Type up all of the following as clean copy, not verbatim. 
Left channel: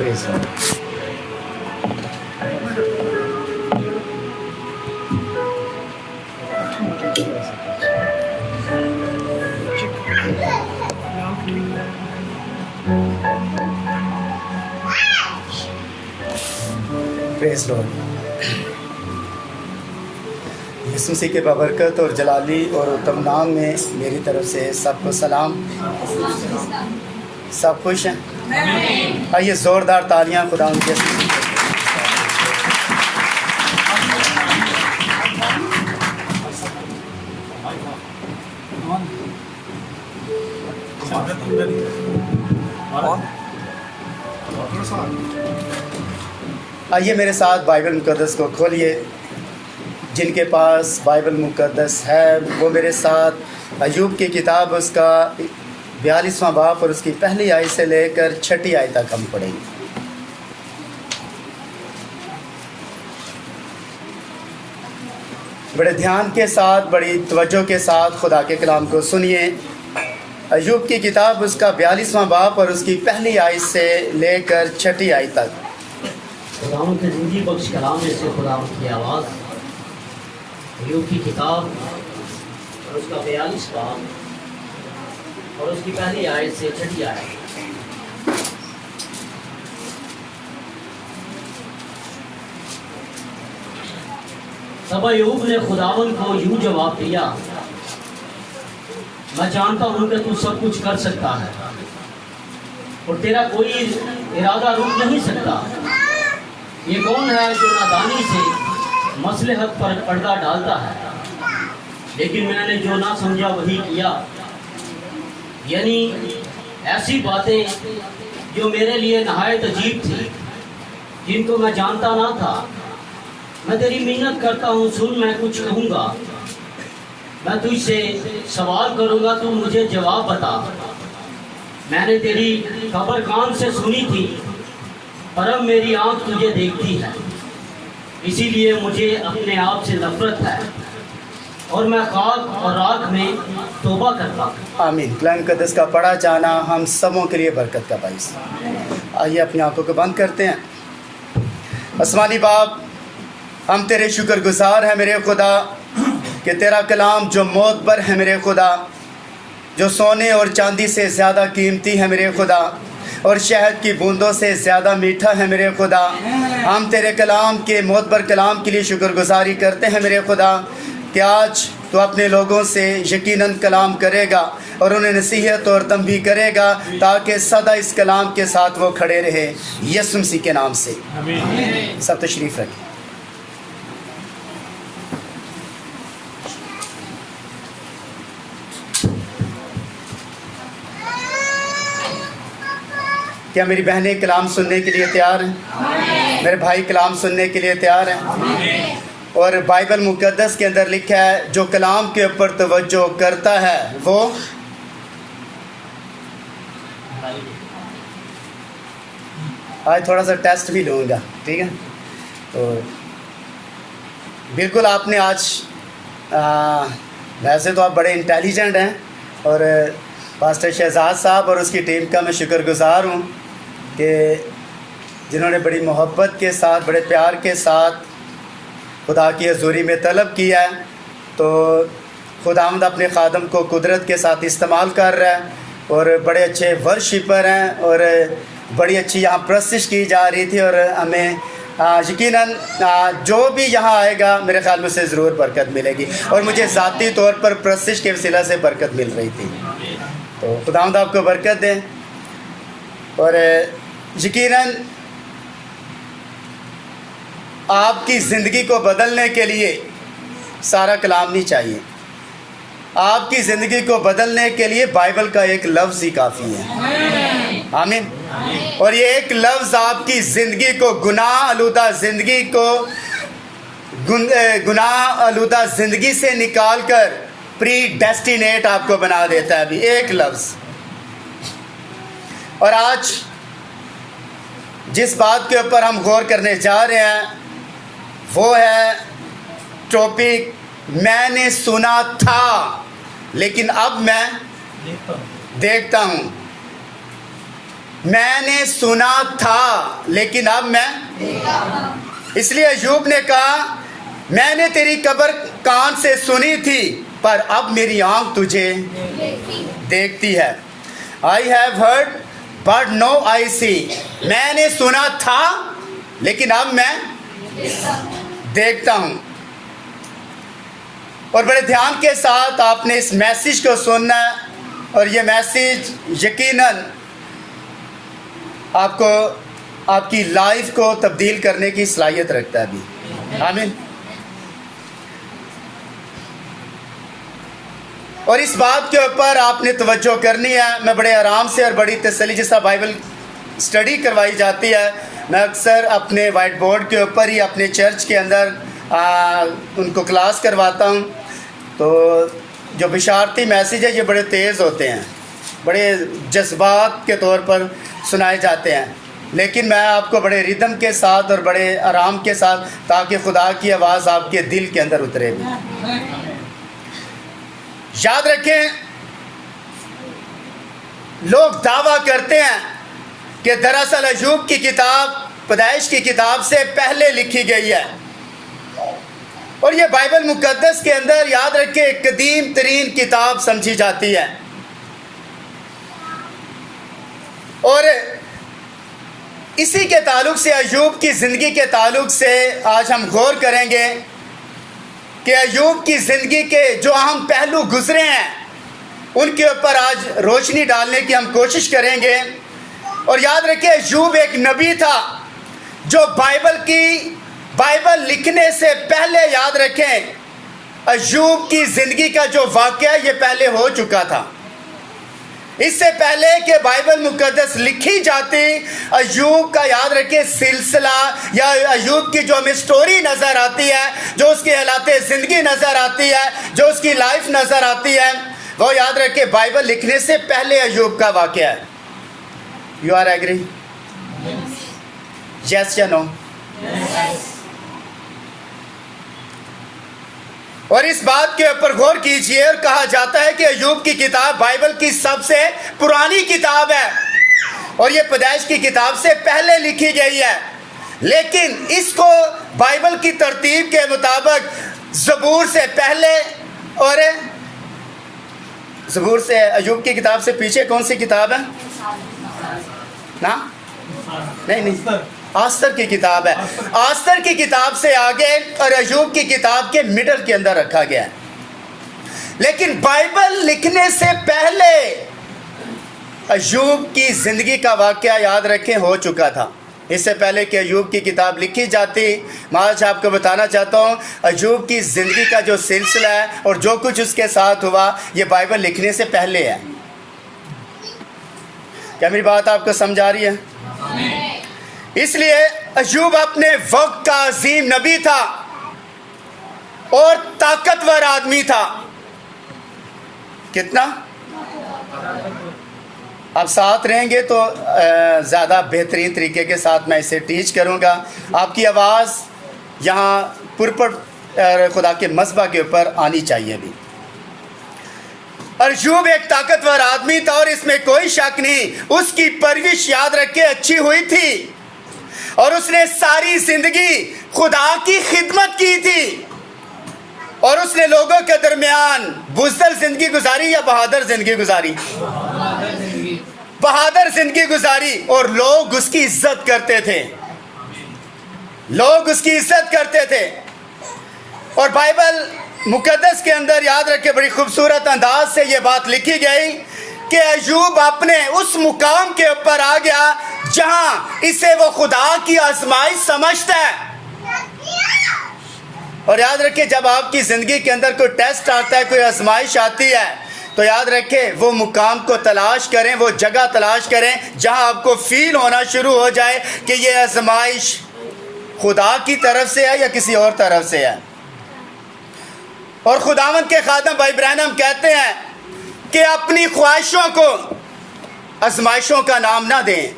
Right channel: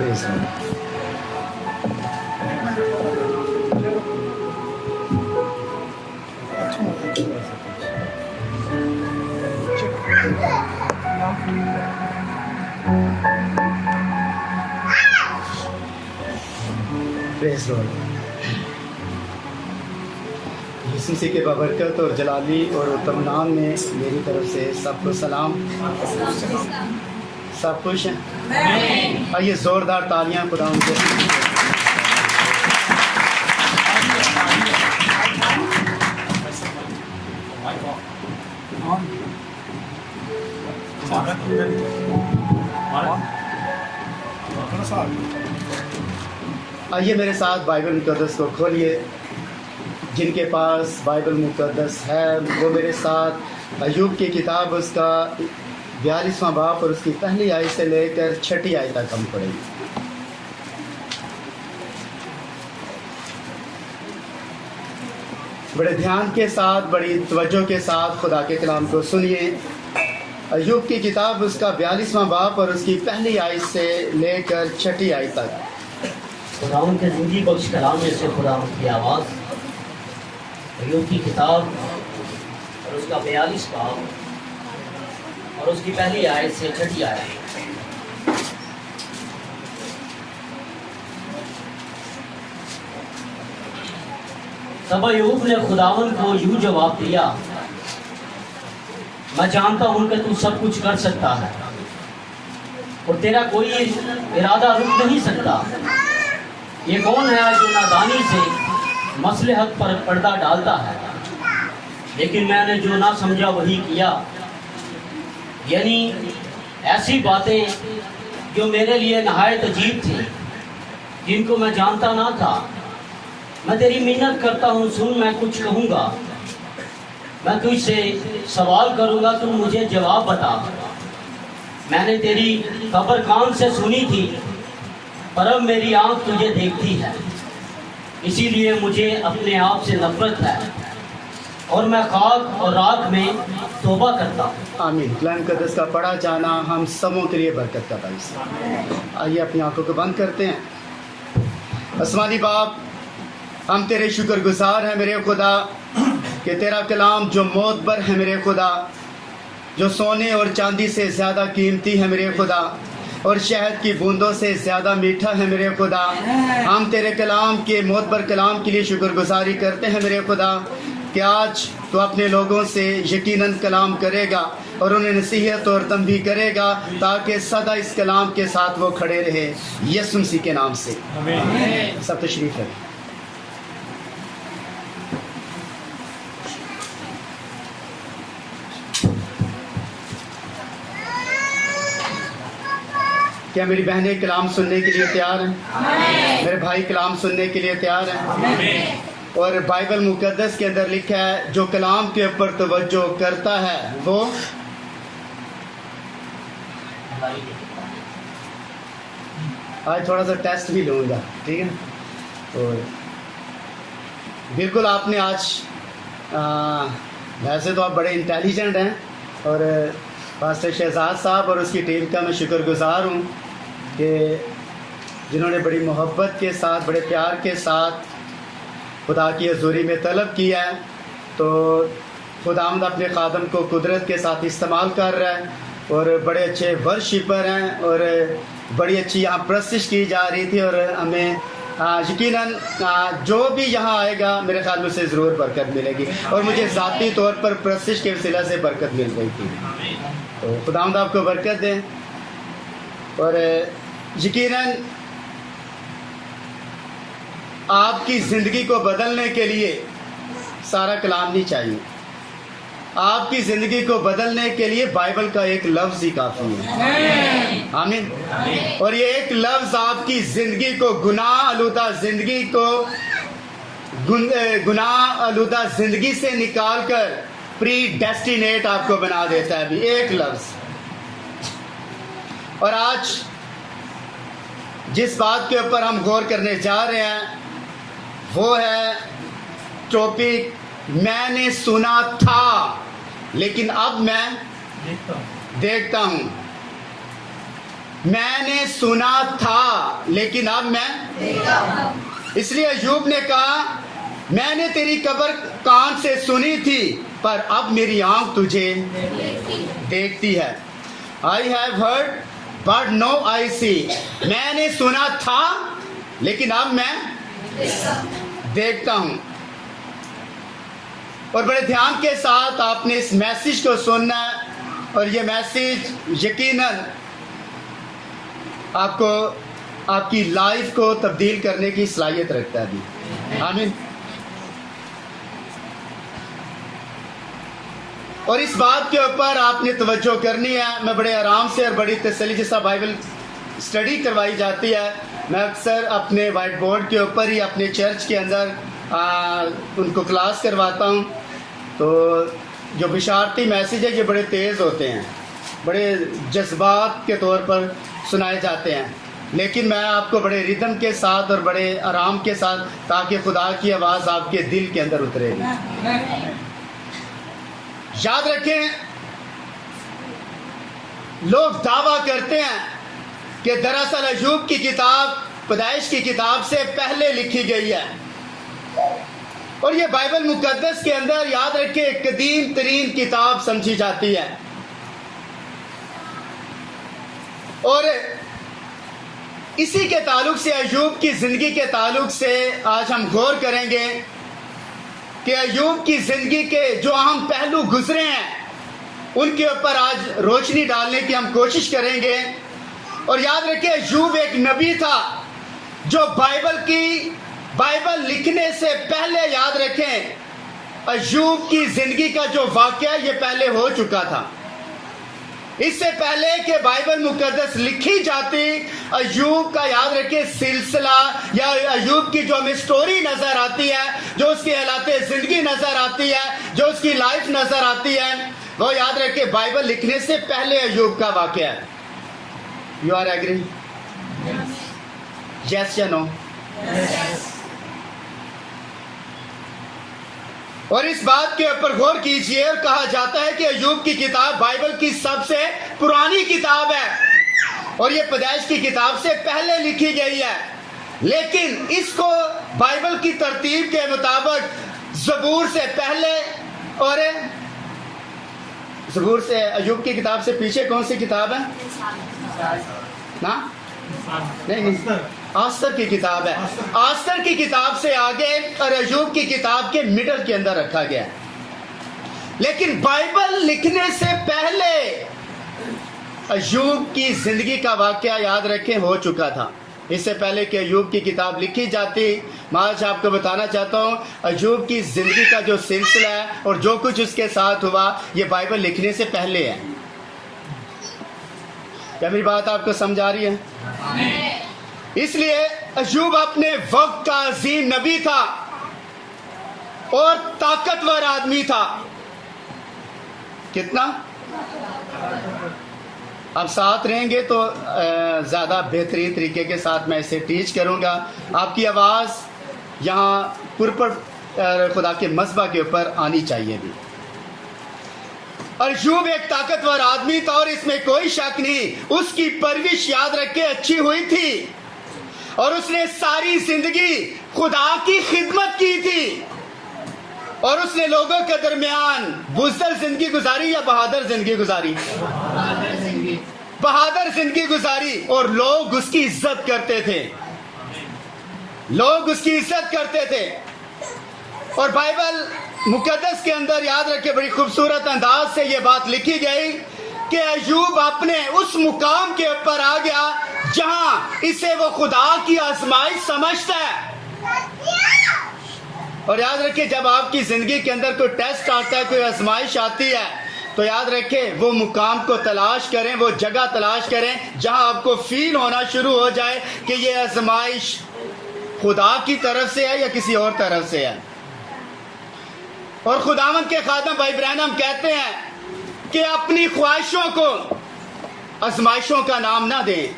Praise lord. Praise lord. Yeshu Masih के बबरकत और जलाली और उत्तम में मेरी तरफ से सबको सलाम। सब खुश हैं? आइए ज़ोरदार तालियां खुदा उनके आइए मेरे साथ बाइबल मुक़द्दस को खोलिए। जिनके पास बाइबल मुक़द्दस है वो मेरे साथ अय्यूब की किताब उसका 42वां बाब और उसकी पहली आयत से लेकर 6ठी आयत तक हम पढ़ेंगे। बड़े ध्यान के साथ, बड़ी तवज्जो के साथ खुदा के कलाम को सुनिए। अय्यूब की किताब उसका 42वां बाब और उसकी पहली आयत से लेकर 6ठी आयत तक। खुदावंद के ज़िंदगी बख्श कलाम में से खुदावंद की आवाज़, अय्यूब की किताब और उसका 42 बाब और उसकी पहली आयत से 6ठी आयत। तब अय्यूब ने खुदावंद को यूं जवाब दिया, मैं जानता हूं कि तू सब कुछ कर सकता है और तेरा कोई इरादा रुक नहीं सकता। ये कौन है जो नादानी से मसलहत पर पर्दा डालता है? लेकिन मैंने जो ना समझा वही किया, यानी ऐसी बातें जो मेरे लिए नहायत अजीब थी, जिनको मैं जानता ना था। मैं तेरी मिन्नत करता हूँ, सुन, मैं कुछ कहूँगा। मैं तुझसे सवाल करूँगा, तू मुझे जवाब बता। मैंने तेरी खबर कान से सुनी थी, पर अब मेरी आँख तुझे देखती है। इसीलिए मुझे अपने आप से नफरत है और मैं खाक और राख में तौबा करता हूँ। आमीन। कलाम मुक़द्दस का पढ़ा जाना हम सबों के लिए बरकत का बाइस। आइए अपनी आंखों को बंद करते हैं। आसमानी बाप, हम तेरे शुक्रगुजार हैं मेरे खुदा कि तेरा कलाम जो मोतबर है मेरे खुदा, जो सोने और चांदी से ज़्यादा कीमती है मेरे खुदा और शहद की बूंदों से ज़्यादा मीठा है मेरे खुदा। हम तेरे कलाम के मोतबर कलाम के लिए शुक्रगुजारी करते हैं मेरे खुदा कि आज तो अपने लोगों से यकीनन कलाम करेगा और उन्हें नसीहत और तंबी करेगा ताकि सदा इस कलाम के साथ वो खड़े रहे। यीशु मसीह के नाम से सब तशरीफ़ रखें। क्या मेरी बहनें कलाम सुनने के लिए तैयार हैं? मेरे भाई कलाम सुनने के लिए तैयार हैं? और बाइबल मुक़द्दस के अंदर लिखा है जो कलाम के ऊपर तवज्जो करता है वो आज थोड़ा सा टेस्ट भी लूँगा, ठीक है? तो बिल्कुल आपने आज वैसे तो आप बड़े इंटेलिजेंट हैं और पास्टर शहजाद साहब और उसकी टीम का मैं शुक्रगुजार हूँ कि जिन्होंने बड़ी मोहब्बत के साथ, बड़े प्यार के साथ खुदा की हज़ूरी में तलब किया है। तो खुदावंद अपने खादम को कुदरत के साथ इस्तेमाल कर रहा है और बड़े अच्छे वर्शिपर हैं और बड़ी अच्छी यहाँ प्रस्तिश की जा रही थी और हमें यकीनन जो भी यहाँ आएगा मेरे ख्याल में उसे ज़रूर बरकत मिलेगी और मुझे ज़ाती तौर पर प्रस्तिश के वसीला से बरकत मिल रही थी। तो खुदावंद आपको बरकत दें और यकीनन आपकी ज़िंदगी को बदलने के लिए सारा कलाम नहीं चाहिए। आपकी ज़िंदगी को बदलने के लिए बाइबल का एक लफ्ज़ ही काफ़ी है। आमीन। और ये एक लफ्ज़ आपकी ज़िंदगी को गुनाह आलूदा ज़िंदगी को गुनाह आलूदा ज़िंदगी से निकाल कर प्री डेस्टिनेट आपको बना देता है। अभी एक लफ्ज़। और आज जिस बात के ऊपर हम गौर करने जा रहे हैं वो है टॉपिक मैंने सुना था लेकिन अब मैं देखता हूँ। मैंने सुना था लेकिन अब मैं, इसलिए अय्यूब ने कहा मैंने तेरी कब्र कान से सुनी थी पर अब मेरी आंख तुझे देखती है। I have heard but now I see, मैंने सुना था लेकिन अब मैं देखता हूं। और बड़े ध्यान के साथ आपने इस मैसेज को सुनना है और ये मैसेज यकीनन आपको आपकी लाइफ को तब्दील करने की सलाहियत रखता है अभी। आमीन। और इस बात के ऊपर आपने तवज्जो करनी है। मैं बड़े आराम से और बड़ी तसल्ली जैसा बाइबल स्टडी करवाई जाती है, मैं अक्सर अपने वाइट बोर्ड के ऊपर ही अपने चर्च के अंदर उनको क्लास करवाता हूँ। तो जो बिशारती मैसेज है ये बड़े तेज़ होते हैं, बड़े जज्बात के तौर पर सुनाए जाते हैं, लेकिन मैं आपको बड़े रिदम के साथ और बड़े आराम के साथ, ताकि खुदा की आवाज़ आपके दिल के अंदर उतरेगी। याद रखें, लोग दावा करते हैं कि दरअसल अय्यूब की किताब पैदाइश की किताब से पहले लिखी गई है, और ये बाइबल मुकद्दस के अंदर याद रखें एक कदीम तरीन किताब समझी जाती है। और इसी के ताल्लुक से, अय्यूब की ज़िंदगी के ताल्लुक से आज हम गौर करेंगे कि अय्यूब की ज़िंदगी के जो अहम पहलू गुजरे हैं उनके ऊपर आज रोशनी डालने की हम कोशिश करेंगे। और याद रखिए, अय्यूब एक नबी था जो बाइबल लिखने से पहले, याद रखें, अय्यूब की ज़िंदगी का जो वाक़या ये पहले हो चुका था। इससे पहले कि बाइबल मुकद्दस लिखी जाती, अय्यूब का याद रखें सिलसिला या अय्यूब की जो हमें स्टोरी नज़र आती है, जो उसकी हालात ज़िंदगी नज़र आती है, जो उसकी लाइफ नज़र आती है, वो याद रखें बाइबल लिखने से पहले अय्यूब का वाक़या है। You are agree? यस या नो? और इस बात के ऊपर गौर कीजिए। और कहा जाता है कि अय्यूब की किताब बाइबल की सबसे पुरानी किताब है और ये पैदाइश की किताब से पहले लिखी गई है, लेकिन इसको बाइबल की तरतीब के मुताबिक ज़बूर से पहले और ज़बूर से, अय्यूब की किताब से पीछे कौन सी किताब है ना? नहीं, आस्तर की किताब है। आस्तर की किताब से आगे और अय्यूब की किताब के मिडल के अंदर रखा गया है। लेकिन बाइबल लिखने से पहले अय्यूब की ज़िंदगी का वाक़या याद रखें हो चुका था। इससे पहले कि अय्यूब की किताब लिखी जाती, मैं आज आपको बताना चाहता हूँ अय्यूब की ज़िंदगी का जो सिलसिला है और जो कुछ उसके साथ हुआ, ये बाइबल लिखने से पहले है। क्या मेरी बात आपको समझ आ रही है? इसलिए अय्यूब अपने वक्त का अजीम नबी था और ताकतवर आदमी था। कितना? आप साथ रहेंगे तो ज़्यादा बेहतरीन तरीके के साथ मैं इसे टीच करूँगा। आपकी आवाज़ यहाँ पुरपट खुदा के मज़बा के ऊपर आनी चाहिए भी। अय्यूब एक ताकतवर आदमी था और इसमें कोई शक नहीं। उसकी परवरिश याद रखे अच्छी हुई थी और उसने सारी ज़िंदगी खुदा की खिदमत की थी और उसने लोगों के दरमियान बुज़दिल ज़िंदगी गुजारी या बहादुर ज़िंदगी गुजारी? बहादुर ज़िंदगी गुजारी। और लोग उसकी इज्जत करते थे, लोग उसकी इज्जत करते थे। और बाइबल मुकद्दस के अंदर याद रखे बड़ी खूबसूरत अंदाज से ये बात लिखी गई कि अय्यूब अपने उस मुकाम के ऊपर आ गया जहां इसे वो खुदा की आजमाइश समझता है। और याद रखिए, जब आपकी ज़िंदगी के अंदर कोई टेस्ट आता है, कोई आजमाइश आती है, तो याद रखें वो मुकाम को तलाश करें, वो जगह तलाश करें जहां आपको फील होना शुरू हो जाए कि ये आजमाइश खुदा की तरफ से है या किसी और तरफ से है। और खुदावंद के खादम भाई ब्रैनम कहते हैं कि अपनी ख्वाहिशों को आजमाइशों का नाम ना दें।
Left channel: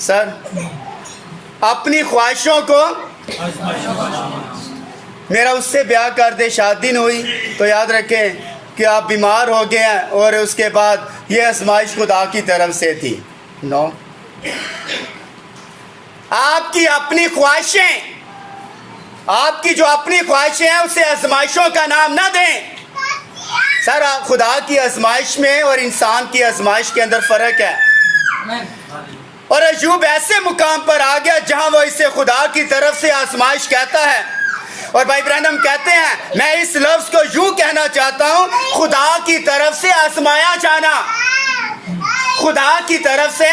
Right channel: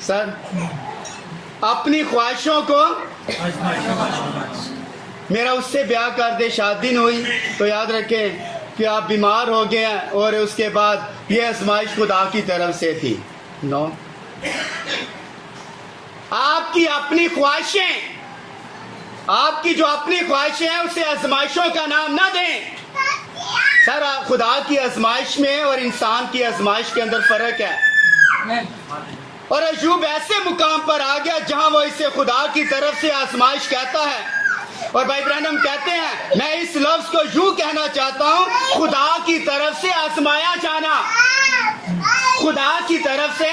सर, अपनी ख्वाहिशों को, मेरा उससे ब्याह कर दे, शादी नहीं हुई, तो याद रखें कि आप बीमार हो गए हैं और उसके बाद ये आजमाइश खुदा की तरफ से थी। 9। आपकी अपनी ख्वाहिशें, आपकी जो अपनी ख्वाहिशें हैं उसे आजमाइशों का नाम ना दें। सर, खुदा की आजमाइश में और इंसान की आजमाइश के अंदर फर्क है। और अय्यूब ऐसे मुकाम पर आ गया जहां वो इसे खुदा की तरफ से आजमाइश कहता है। और भाई ब्रैनम कहते हैं, मैं इस लफ्ज को यूं कहना चाहता हूं, खुदा की तरफ से आजमाया जाना। खुदा की तरफ से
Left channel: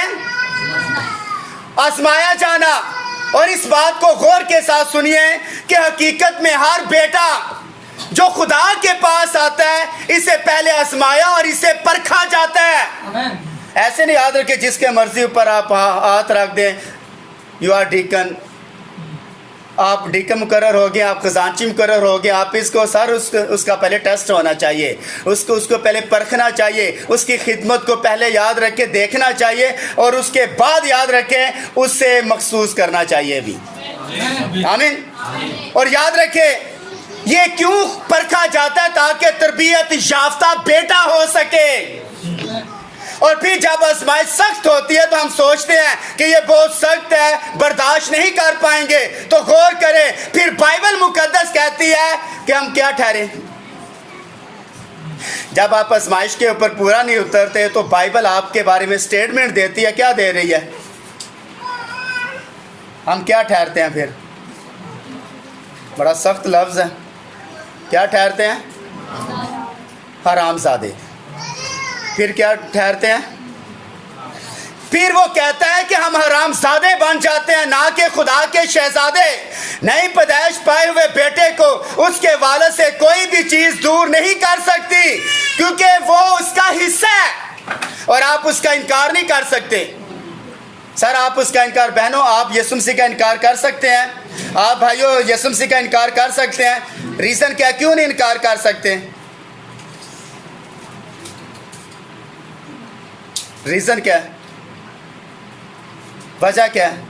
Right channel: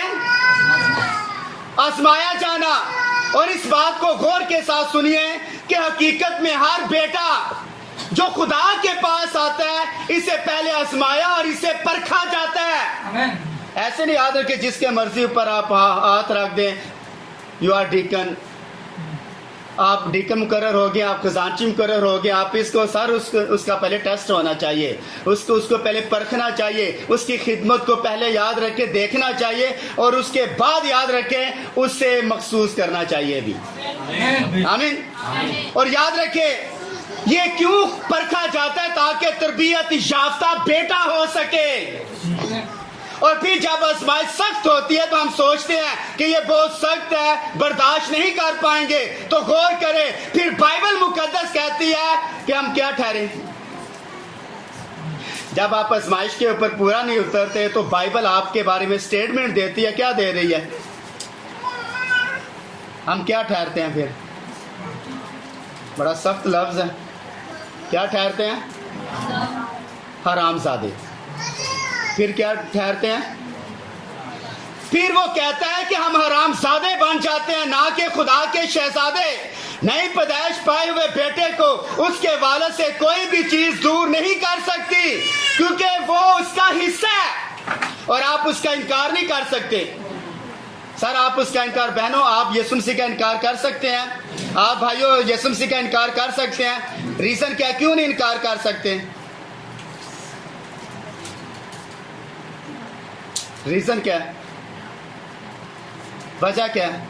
आजमाया जाना। और इस बात को गौर के साथ सुनिए कि हकीकत में हर बेटा जो खुदा के पास आता है, इसे पहले आजमाया और इसे परखा जाता है। ऐसे नहीं याद रखे जिसके मर्जी ऊपर आप हाथ रख दें, यू आर डीकन, आप डीकन मुकर्रर हो गए, आप खजांची मुकर्रर हो गए। आप इसको सर उसका पहले टेस्ट होना चाहिए, उसको पहले परखना चाहिए, उसकी खिदमत को पहले याद रखे देखना चाहिए, और उसके बाद याद रखे उससे मखसूस करना चाहिए भी। आमीन। और याद रखे ये क्यों परखा जाता है, ताकि तरबियत याफ्ता बेटा हो सके। और फिर जब आजमाइश सख्त होती है तो हम सोचते हैं कि ये बहुत सख्त है, बर्दाश्त नहीं कर पाएंगे। तो गौर करें, फिर बाइबल मुकद्दस कहती है कि हम क्या ठहरे। जब आप आजमाइश के ऊपर पूरा नहीं उतरते तो बाइबल आपके बारे में स्टेटमेंट देती है। क्या दे रही है? हम क्या ठहरते हैं? फिर बड़ा सख्त लफ्ज है, क्या ठहरते हैं? हरामजादे। फिर क्या ठहरते हैं? फिर वो कहता है कि हम हरामजादे बन जाते हैं, ना कि खुदा के शहजादे। नई पैदाइश पाए हुए बेटे को उसके वालिद से कोई भी चीज दूर नहीं कर सकती, क्योंकि वो उसका हिस्सा है और आप उसका इनकार नहीं कर सकते। सर, आप उसका इनकार, बहनों आप यीशु मसीह का इनकार कर सकते हैं, आप भाइयों यीशु मसीह का इनकार कर सकते हैं। रीजन क्या, क्यों नहीं इनकार कर सकते? रीजन क्या है? वजह क्या है?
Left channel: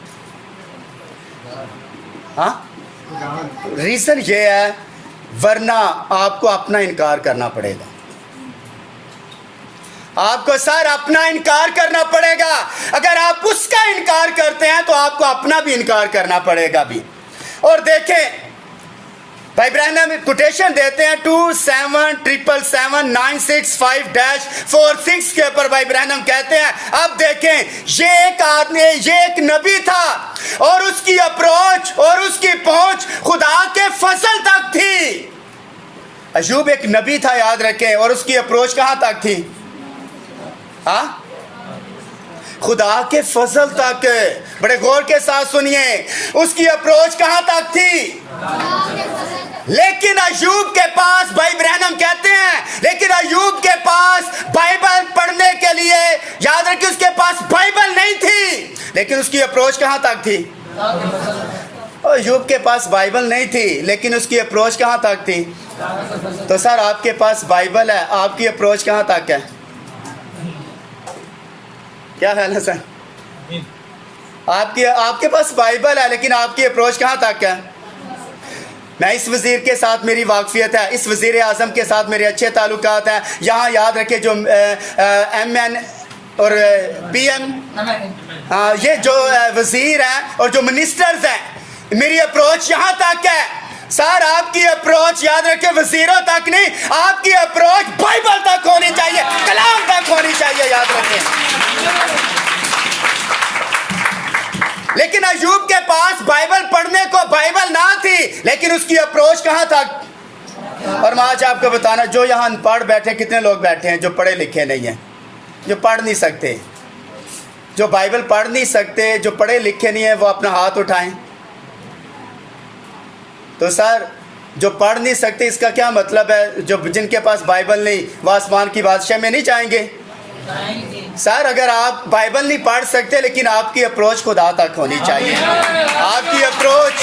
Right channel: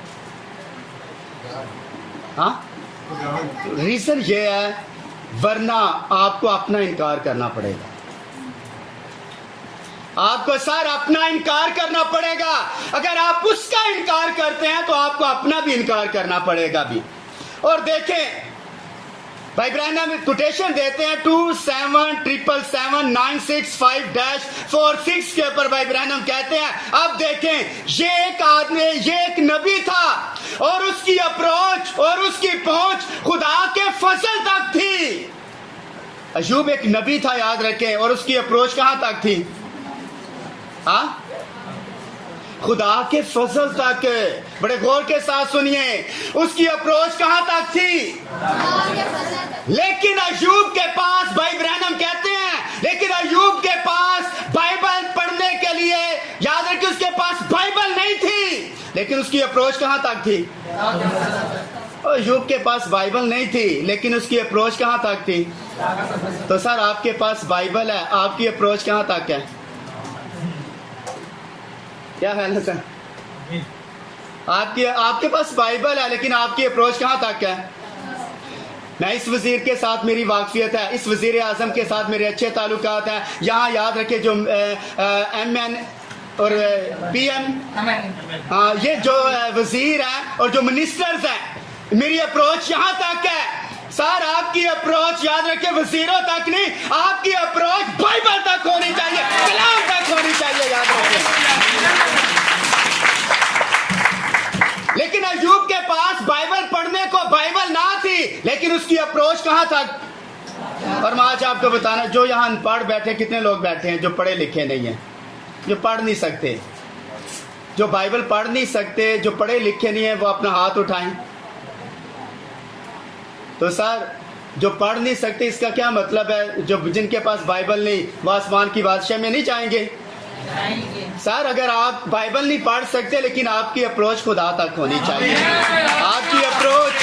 हाँ, रीजन ये है, वरना आपको अपना इनकार करना पड़ेगा। आपको सर अपना इनकार करना पड़ेगा। अगर आप उसका इनकार करते हैं तो आपको अपना भी इनकार करना पड़ेगा भी। और देखें, भाई ब्रैनम कोटेशन देते हैं 27779656-46 के ऊपर। भाई ब्रैनम कहते हैं, अब देखें, ये एक आदमी, ये एक नबी था और उसकी अप्रोच और उसकी पहुंच खुदा के फजल तक थी। अय्यूब एक नबी था, याद रखें, और उसकी अप्रोच कहां तक थी? हाँ, खुदा के फजल तक। बड़े गौर के साथ सुनिए, उसकी अप्रोच कहां तक थी? लेकिन अय्यूब के पास, भाई ब्रैनम कहते हैं, लेकिन अय्यूब के पास बाइबल पढ़ने के लिए, याद रखिए, उसके पास बाइबल नहीं थी, लेकिन उसकी अप्रोच कहां तक थी? अय्यूब के पास बाइबल नहीं थी, लेकिन उसकी अप्रोच कहां तक थी? तो सर, आपके पास बाइबल है, आपकी अप्रोच कहां तक है? क्या ख्याल है सर? आपके पास बाइबल है, लेकिन आपकी अप्रोच कहां तक है? मैं इस वजीर के साथ मेरी वाकफियत है, इस वजीर आजम के साथ मेरे अच्छे ताल्लुकात हैं। यहाँ याद रखे, जो MN और PM, हाँ, ये जो वजीर हैं और जो मिनिस्टर्स हैं, मेरी अप्रोच यहाँ तक है। सर, आपकी अप्रोच याद रखे वजीरों तक नहीं, आपकी अप्रोच बाइबल तक होनी चाहिए, कलाम तक होनी चाहिए, याद रखें। लेकिन अय्यूब के पास बाइबल पढ़ने को बाइबल ना थी, लेकिन उसकी अप्रोच कहां तक? और मैं आज आपको बताना, जो यहाँ अनपढ़ बैठे, कितने लोग बैठे हैं जो पढ़े लिखे नहीं हैं, जो पढ़ नहीं सकते, जो बाइबल पढ़ नहीं सकते, जो पढ़े लिखे नहीं है, वो अपना हाथ उठाएं। तो सर, जो पढ़ नहीं सकते, इसका क्या मतलब है? जो जिनके पास बाइबल नहीं, वो आसमान की बादशाह में नहीं जाएंगे? सर, अगर आप बाइबल नहीं पढ़ सकते, लेकिन आपकी अप्रोच खुदा तक होनी चाहिए। आपकी अप्रोच,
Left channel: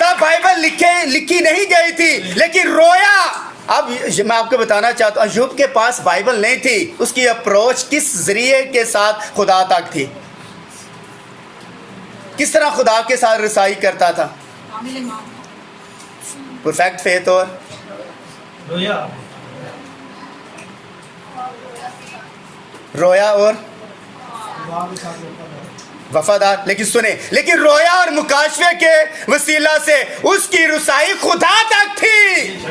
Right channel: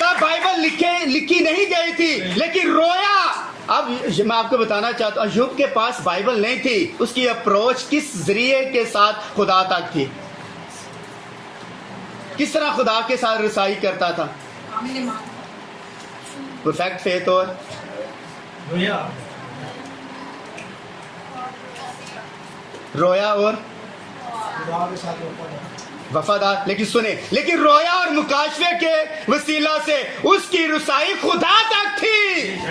तब बाइबल लिखी नहीं गई थी, लेकिन रोया। अब मैं आपको बताना चाहता हूँ, अय्यूब के पास बाइबल नहीं थी, उसकी अप्रोच किस जरिए के साथ खुदा तक थी? किस तरह खुदा के साथ रसाई करता था? Perfect faith. और रोया और वफादार। लेकिन सुने, लेकिन रोया और मुकाशवे के वसीला से उसकी रुसाई खुदा तक थी।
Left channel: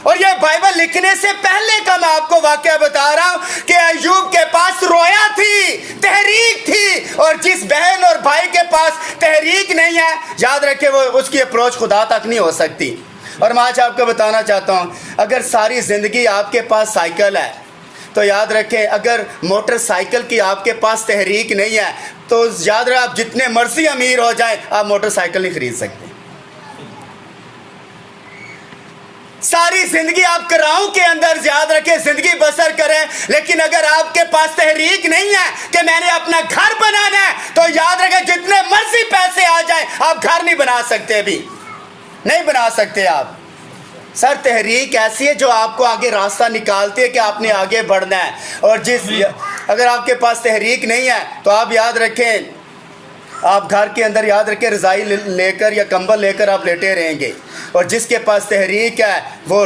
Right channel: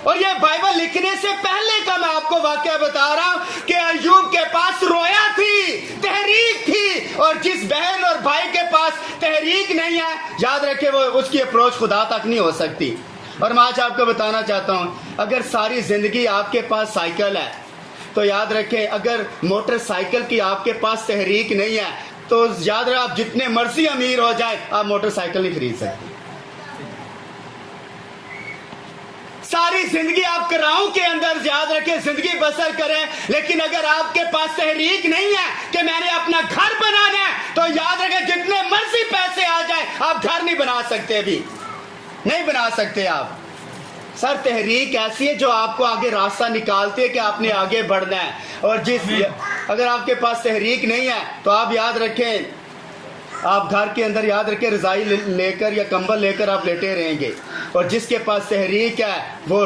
और ये बाइबल लिखने से पहले का मैं आपको वाकया बता रहा हूं कि अय्यूब के पास रोया थी, तहरीक थी, और जिस बहन और भाई के पास तहरीक नहीं है, याद रखे वो उसकी अप्रोच खुदा तक नहीं हो सकती। और मैं आज आपको बताना चाहता हूं, अगर सारी जिंदगी आपके पास साइकिल है तो याद रखें, अगर मोटरसाइकिल की आपके पास तहरीक नहीं है तो याद रहे आप जितने मर्जी अमीर हो जाए, आप मोटरसाइकिल नहीं खरीद सकते। सारी जिंदगी आप कराओं के अंदर याद रखें जिंदगी बसर करें, लेकिन अगर आपके पास तहरीक नहीं है कि मैंने अपना घर बनाना है, तो याद रखें जितने मर्जी पैसे आ जाए, आप घर नहीं बना सकते, भी नहीं बना सकते आप। सर तहरीक ऐसी है जो आपको आगे रास्ता निकालती है कि आपने आगे बढ़ना है। और अगर आपके पास तहरीक नहीं है तो आप याद रखें, आप घर के अंदर याद रखें रज़ाई लेकर या कंबल लेकर आप लेटे रहेंगे। और जिसके पास तहरीक है वो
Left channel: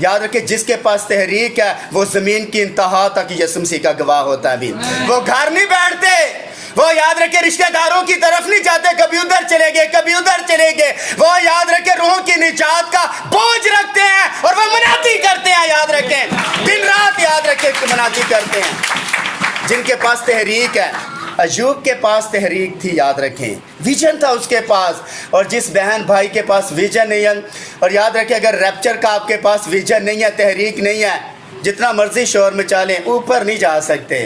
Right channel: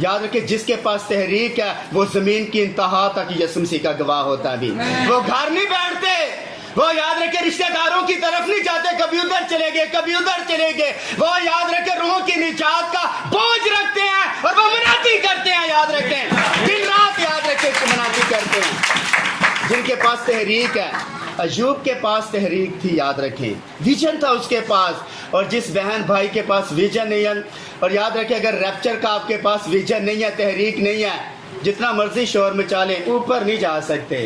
याद रखें, जिसके पास तहरीक है वो ज़मीन की इंतहा तक यीशु मसीह का गवाह होता है। भी वो घर नहीं बैठते, वो याद रखे रिश्तेदारों की तरफ नहीं जाते, कभी उधर चले गए कभी उधर चले गए। वो याद रखे रूह की निजात का बोझ रखते हैं और वो मनाती करते हैं, याद रखें दिन रात याद रखे मनाती करते हैं। जिनके पास तहरीक है, अय्यूब के पास तहरीक थी, याद रखें विजन था उसके पास। और जिस बहन भाई के पास विजन नहीं है, और याद रखें अगर रैप्चर का आपके पास विजन नहीं है, तहरीक नहीं है, जितना मर्जी शोर मचा लें ऊपर नहीं जा सकते।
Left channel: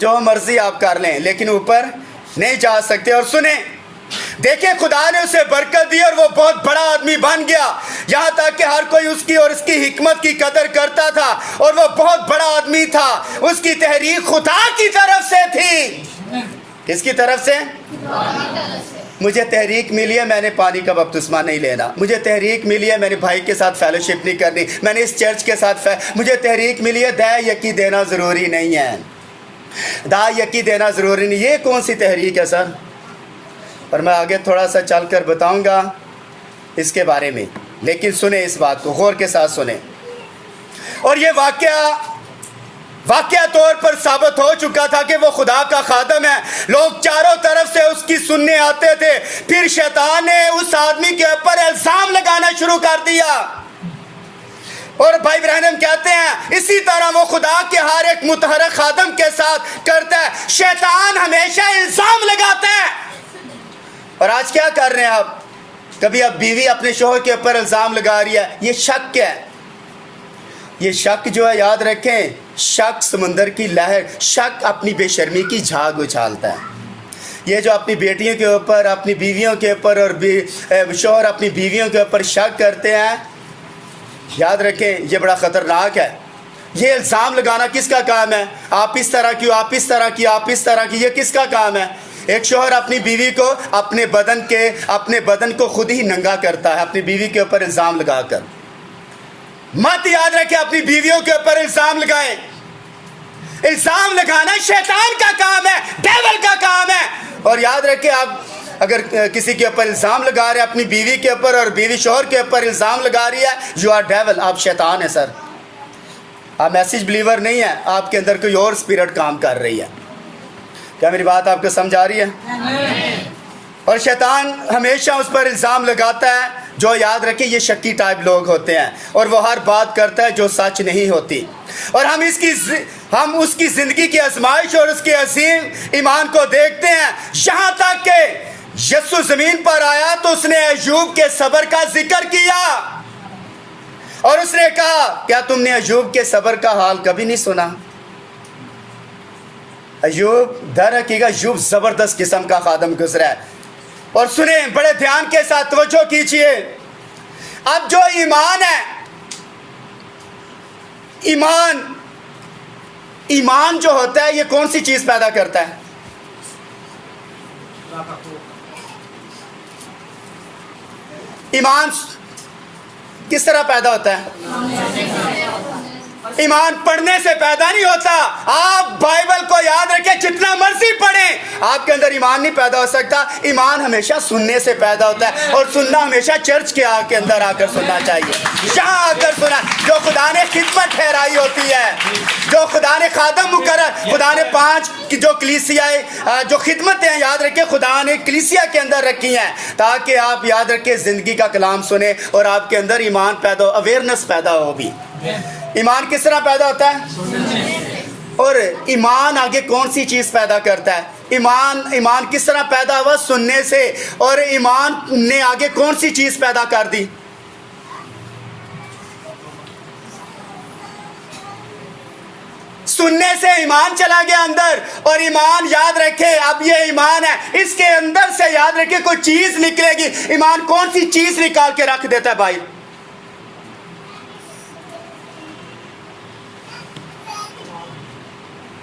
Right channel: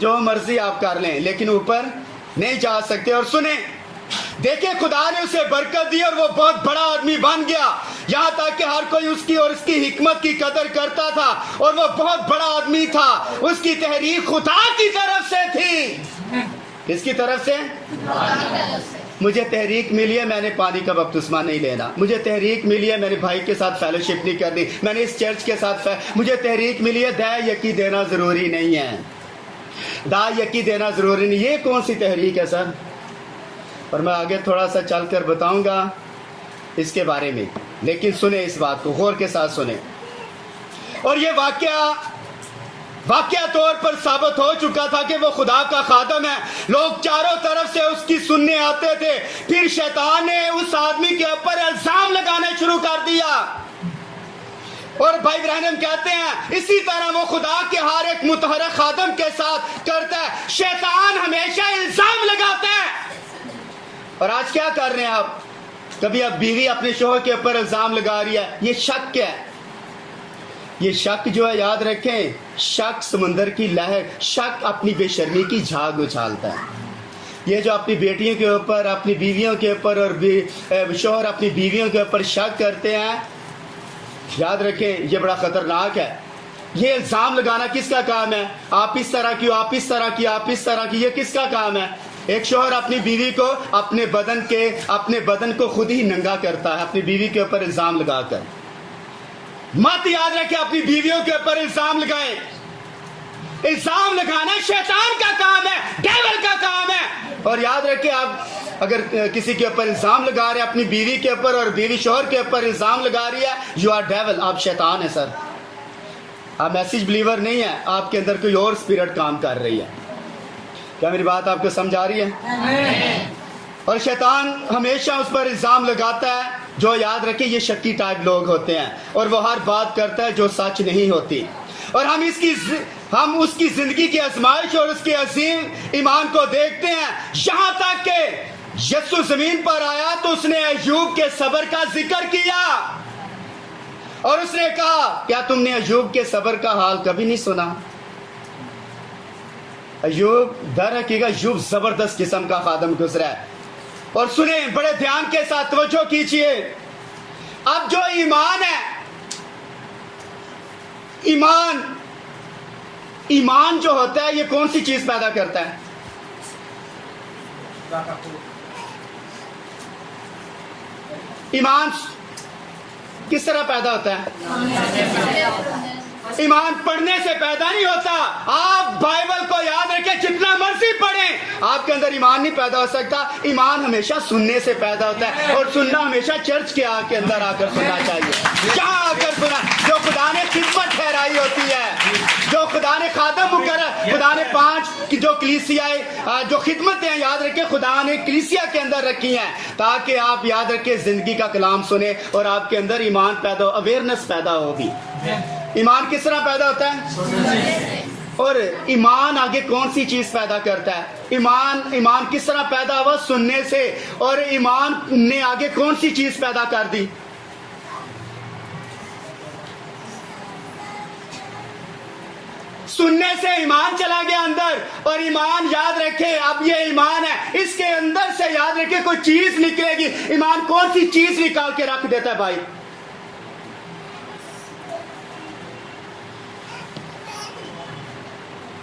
जो मर्जी आप कर लें लेकिन ऊपर नहीं जा सकते। और सुने, देखिए खुदा ने उसे बरकत दी और वो बहुत बड़ा आदमी बन गया, यहाँ तक कि हर कोई उसकी और उसकी हिकमत की कदर करता था, और वो बहुत बड़ा आदमी था। उसकी तहरीक खुदा की तरफ से थी। किसकी तरफ से? मुझे तहरीक मिली है, मैंने पानी का बपतिस्मा नहीं लेना। मुझे तहरीक मिली है, मैंने भाई के साथ फेलोशिप नहीं करनी। मैंने इस चर्च के साथ मुझे तहरीक मिली है, दया यकी देना ज़रूरी नहीं है, दा यकी देना ज़रूरी नहीं। ये कौन सी तहरीक है सर? और मैं आगे थोड़ा सा चल कर बताऊँगा इसके बारे में, लेकिन सुने इस बात को गौर के साथ सुने। और ये वाकया तौर पर साबित हो चुका था कि वो खुदा का खादम है। लोग चारों तरफ से उसकी सुनने आते थे। फिर शैतान ने उस आदमी के ऊपर इल्ज़ाम लगाना शुरू कर दिया। और भाई ब्रहणम कहते हैं इसी तरह वो खुदा के हर एक मुतहरक खादम के साथ करता है। शैतान हमेशा इल्ज़ाम लगाता है। और आज क्या कर रहे हैं आप? कभी अब बीवी अपने शोहर के ऊपर इल्ज़ाम लगा रही है, ये शक है। ये शक जो है, याद रखें, शक समुंदर की लहर, शक अपनी बेशर्मी की झाग उछालता है। ये जो अपनी बेटियों के ऊपर, अपनी बीवियों के ऊपर, और शोहर अपनी बीवियों के ऊपर शक करते हैं, याद रखें ये बड़ा ख़तरनाक है। ये इल्ज़ाम लगाना किसका काम है? आप इस तरह क्यों, आप इस तरह की, आप इस तरह की, ये किसका काम है? एक शोहर अपनी बीवी को अपने बदन को खुद ही नंगा करता है अपनी बीवी के ऊपर इल्ज़ाम लगाकर। मत याद रखें अपनी बीवियों के ऊपर इल्ज़ाम लगाएं। इल्ज़ाम लगाना शैतान का काम है, डेविल का काम है। और याद रखें आप अगर किसी के ऊपर इल्ज़ाम लगा रहे हैं अपनी बीवी के ऊपर, और बीवी शोहर के ऊपर इल्ज़ाम लगा रही है, यू आर डेविल, आप शैतान है सर। आप मैसेज बिलीवर नहीं है, आपके अंदर कोई और स्पिरिट काम कर रही है। क्या मेरी बात आपको समझ आ रही है? और शैतान हमेशा उस पर इल्ज़ाम लगाता है जो, याद रखें, ये शक्की टाइप लोग होते हैं, और वो हर बात करता है जो सच नहीं होती। और हम उसकी ज़िंदगी की आजमाइश और उसके अजीम ईमान को देखते हैं। यहाँ तक कि यीशु ज़मीन पर आया तो उसने अय्यूब के सब्र का जिक्र किया, और उसने कहा क्या तुमने अय्यूब के सब्र का हाल कभी नहीं सुना? अय्यूब दर हकीकत अय्यूब ज़बरदस्त किस्म का खादम गुजरा है। और सुने बड़े ध्यान के साथ तवज्जो कीजिए। अब जो ईमान है, ईमान जो होता है, ये कौन सी चीज पैदा करता है? ईमान किस तरह पैदा होता है? ईमान पढ़ने से पैदा नहीं होता। आप बाइबल को याद रखें, जितना मर्जी पढ़ें, आपके अंदर ईमान नहीं पैदा हो सकता। ईमान हमेशा सुनने से पैदा होता है, और सुनना हमेशा चर्च के अंदर आकर सुनना चाहिए। जहाँ आकर सुना, जो खुदा ने खिदमत ठहराई होती है, जो खुदा ने खादम मुकर्रर, खुदा ने 5 की जो कलीसियाएं, जो खिदमतें हैं, याद रखें खुदा ने कलीसिया के अंदर रखी हैं, ताकि आप याद रखें ज़िंदगी का कलाम सुने और आपके अंदर ईमान पैदा हो, अवेयरनेस पैदा होगी। ईमान किस तरह पैदा होता है? और ईमान आगे कौन सी चीज़ पैदा करता है? ईमान किस तरह पैदा हुआ? सुनने से। और ईमान ने आगे कौन सी चीज़ पैदा कर दी? सुनने से ईमान चला गया अंदर, और ईमान याद रखे, अब ये ईमान है, इसके अंदर से याद रखे कोई चीज़ निकलेगी। ईमान कौन सी चीज़ निकाल के रख देता है भाई?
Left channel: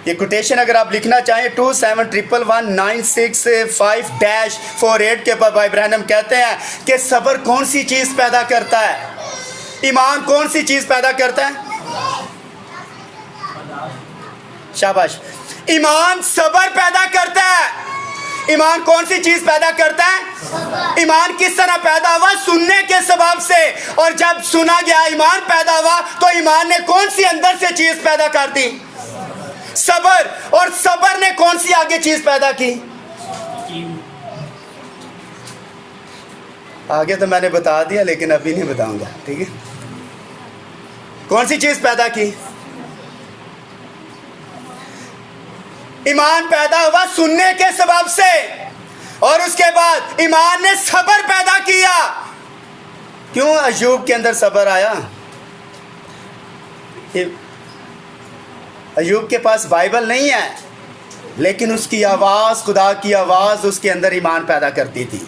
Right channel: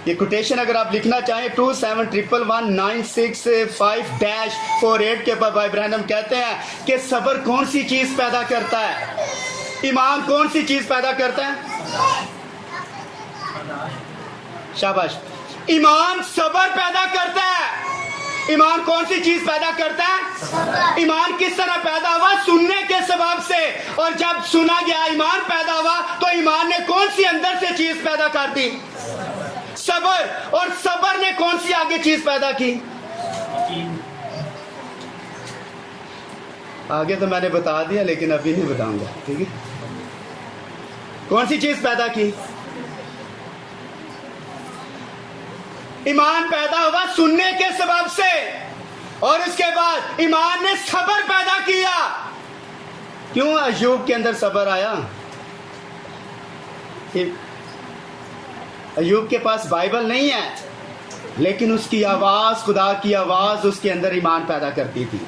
ये कोटेशन अगर आप लिखना चाहें 27119658-48 के ऊपर भाई ब्रैनम कहते हैं कि सब्र कौन सी चीज़ पैदा करता है? ईमान कौन सी चीज़ पैदा करता है? शाबाश। ईमान सब्र पैदा करता है। ईमान कौन सी चीज़ पैदा करता है? ईमान किस तरह पैदा हुआ? सुनने के सबब से। और जब सुना गया, ईमान पैदा हुआ, तो ईमान ने कौन सी अंदर से चीज़ पैदा कर दी? सबर। और सबर ने कौन सी आगे चीज पैदा की? आगे तो मैंने बता दिया, लेकिन अभी नहीं बताऊंगा, ठीक है? कौन सी चीज पैदा की? ईमान पैदा हुआ सुनने के सबब से, और उसके बाद ईमान ने सबर पैदा किया। क्यों अय्यूब के अंदर सबर आया? अय्यूब के पास बाइबल नहीं है, लेकिन उसकी आवाज़, खुदा की आवाज़ उसके अंदर ईमान पैदा करती थी।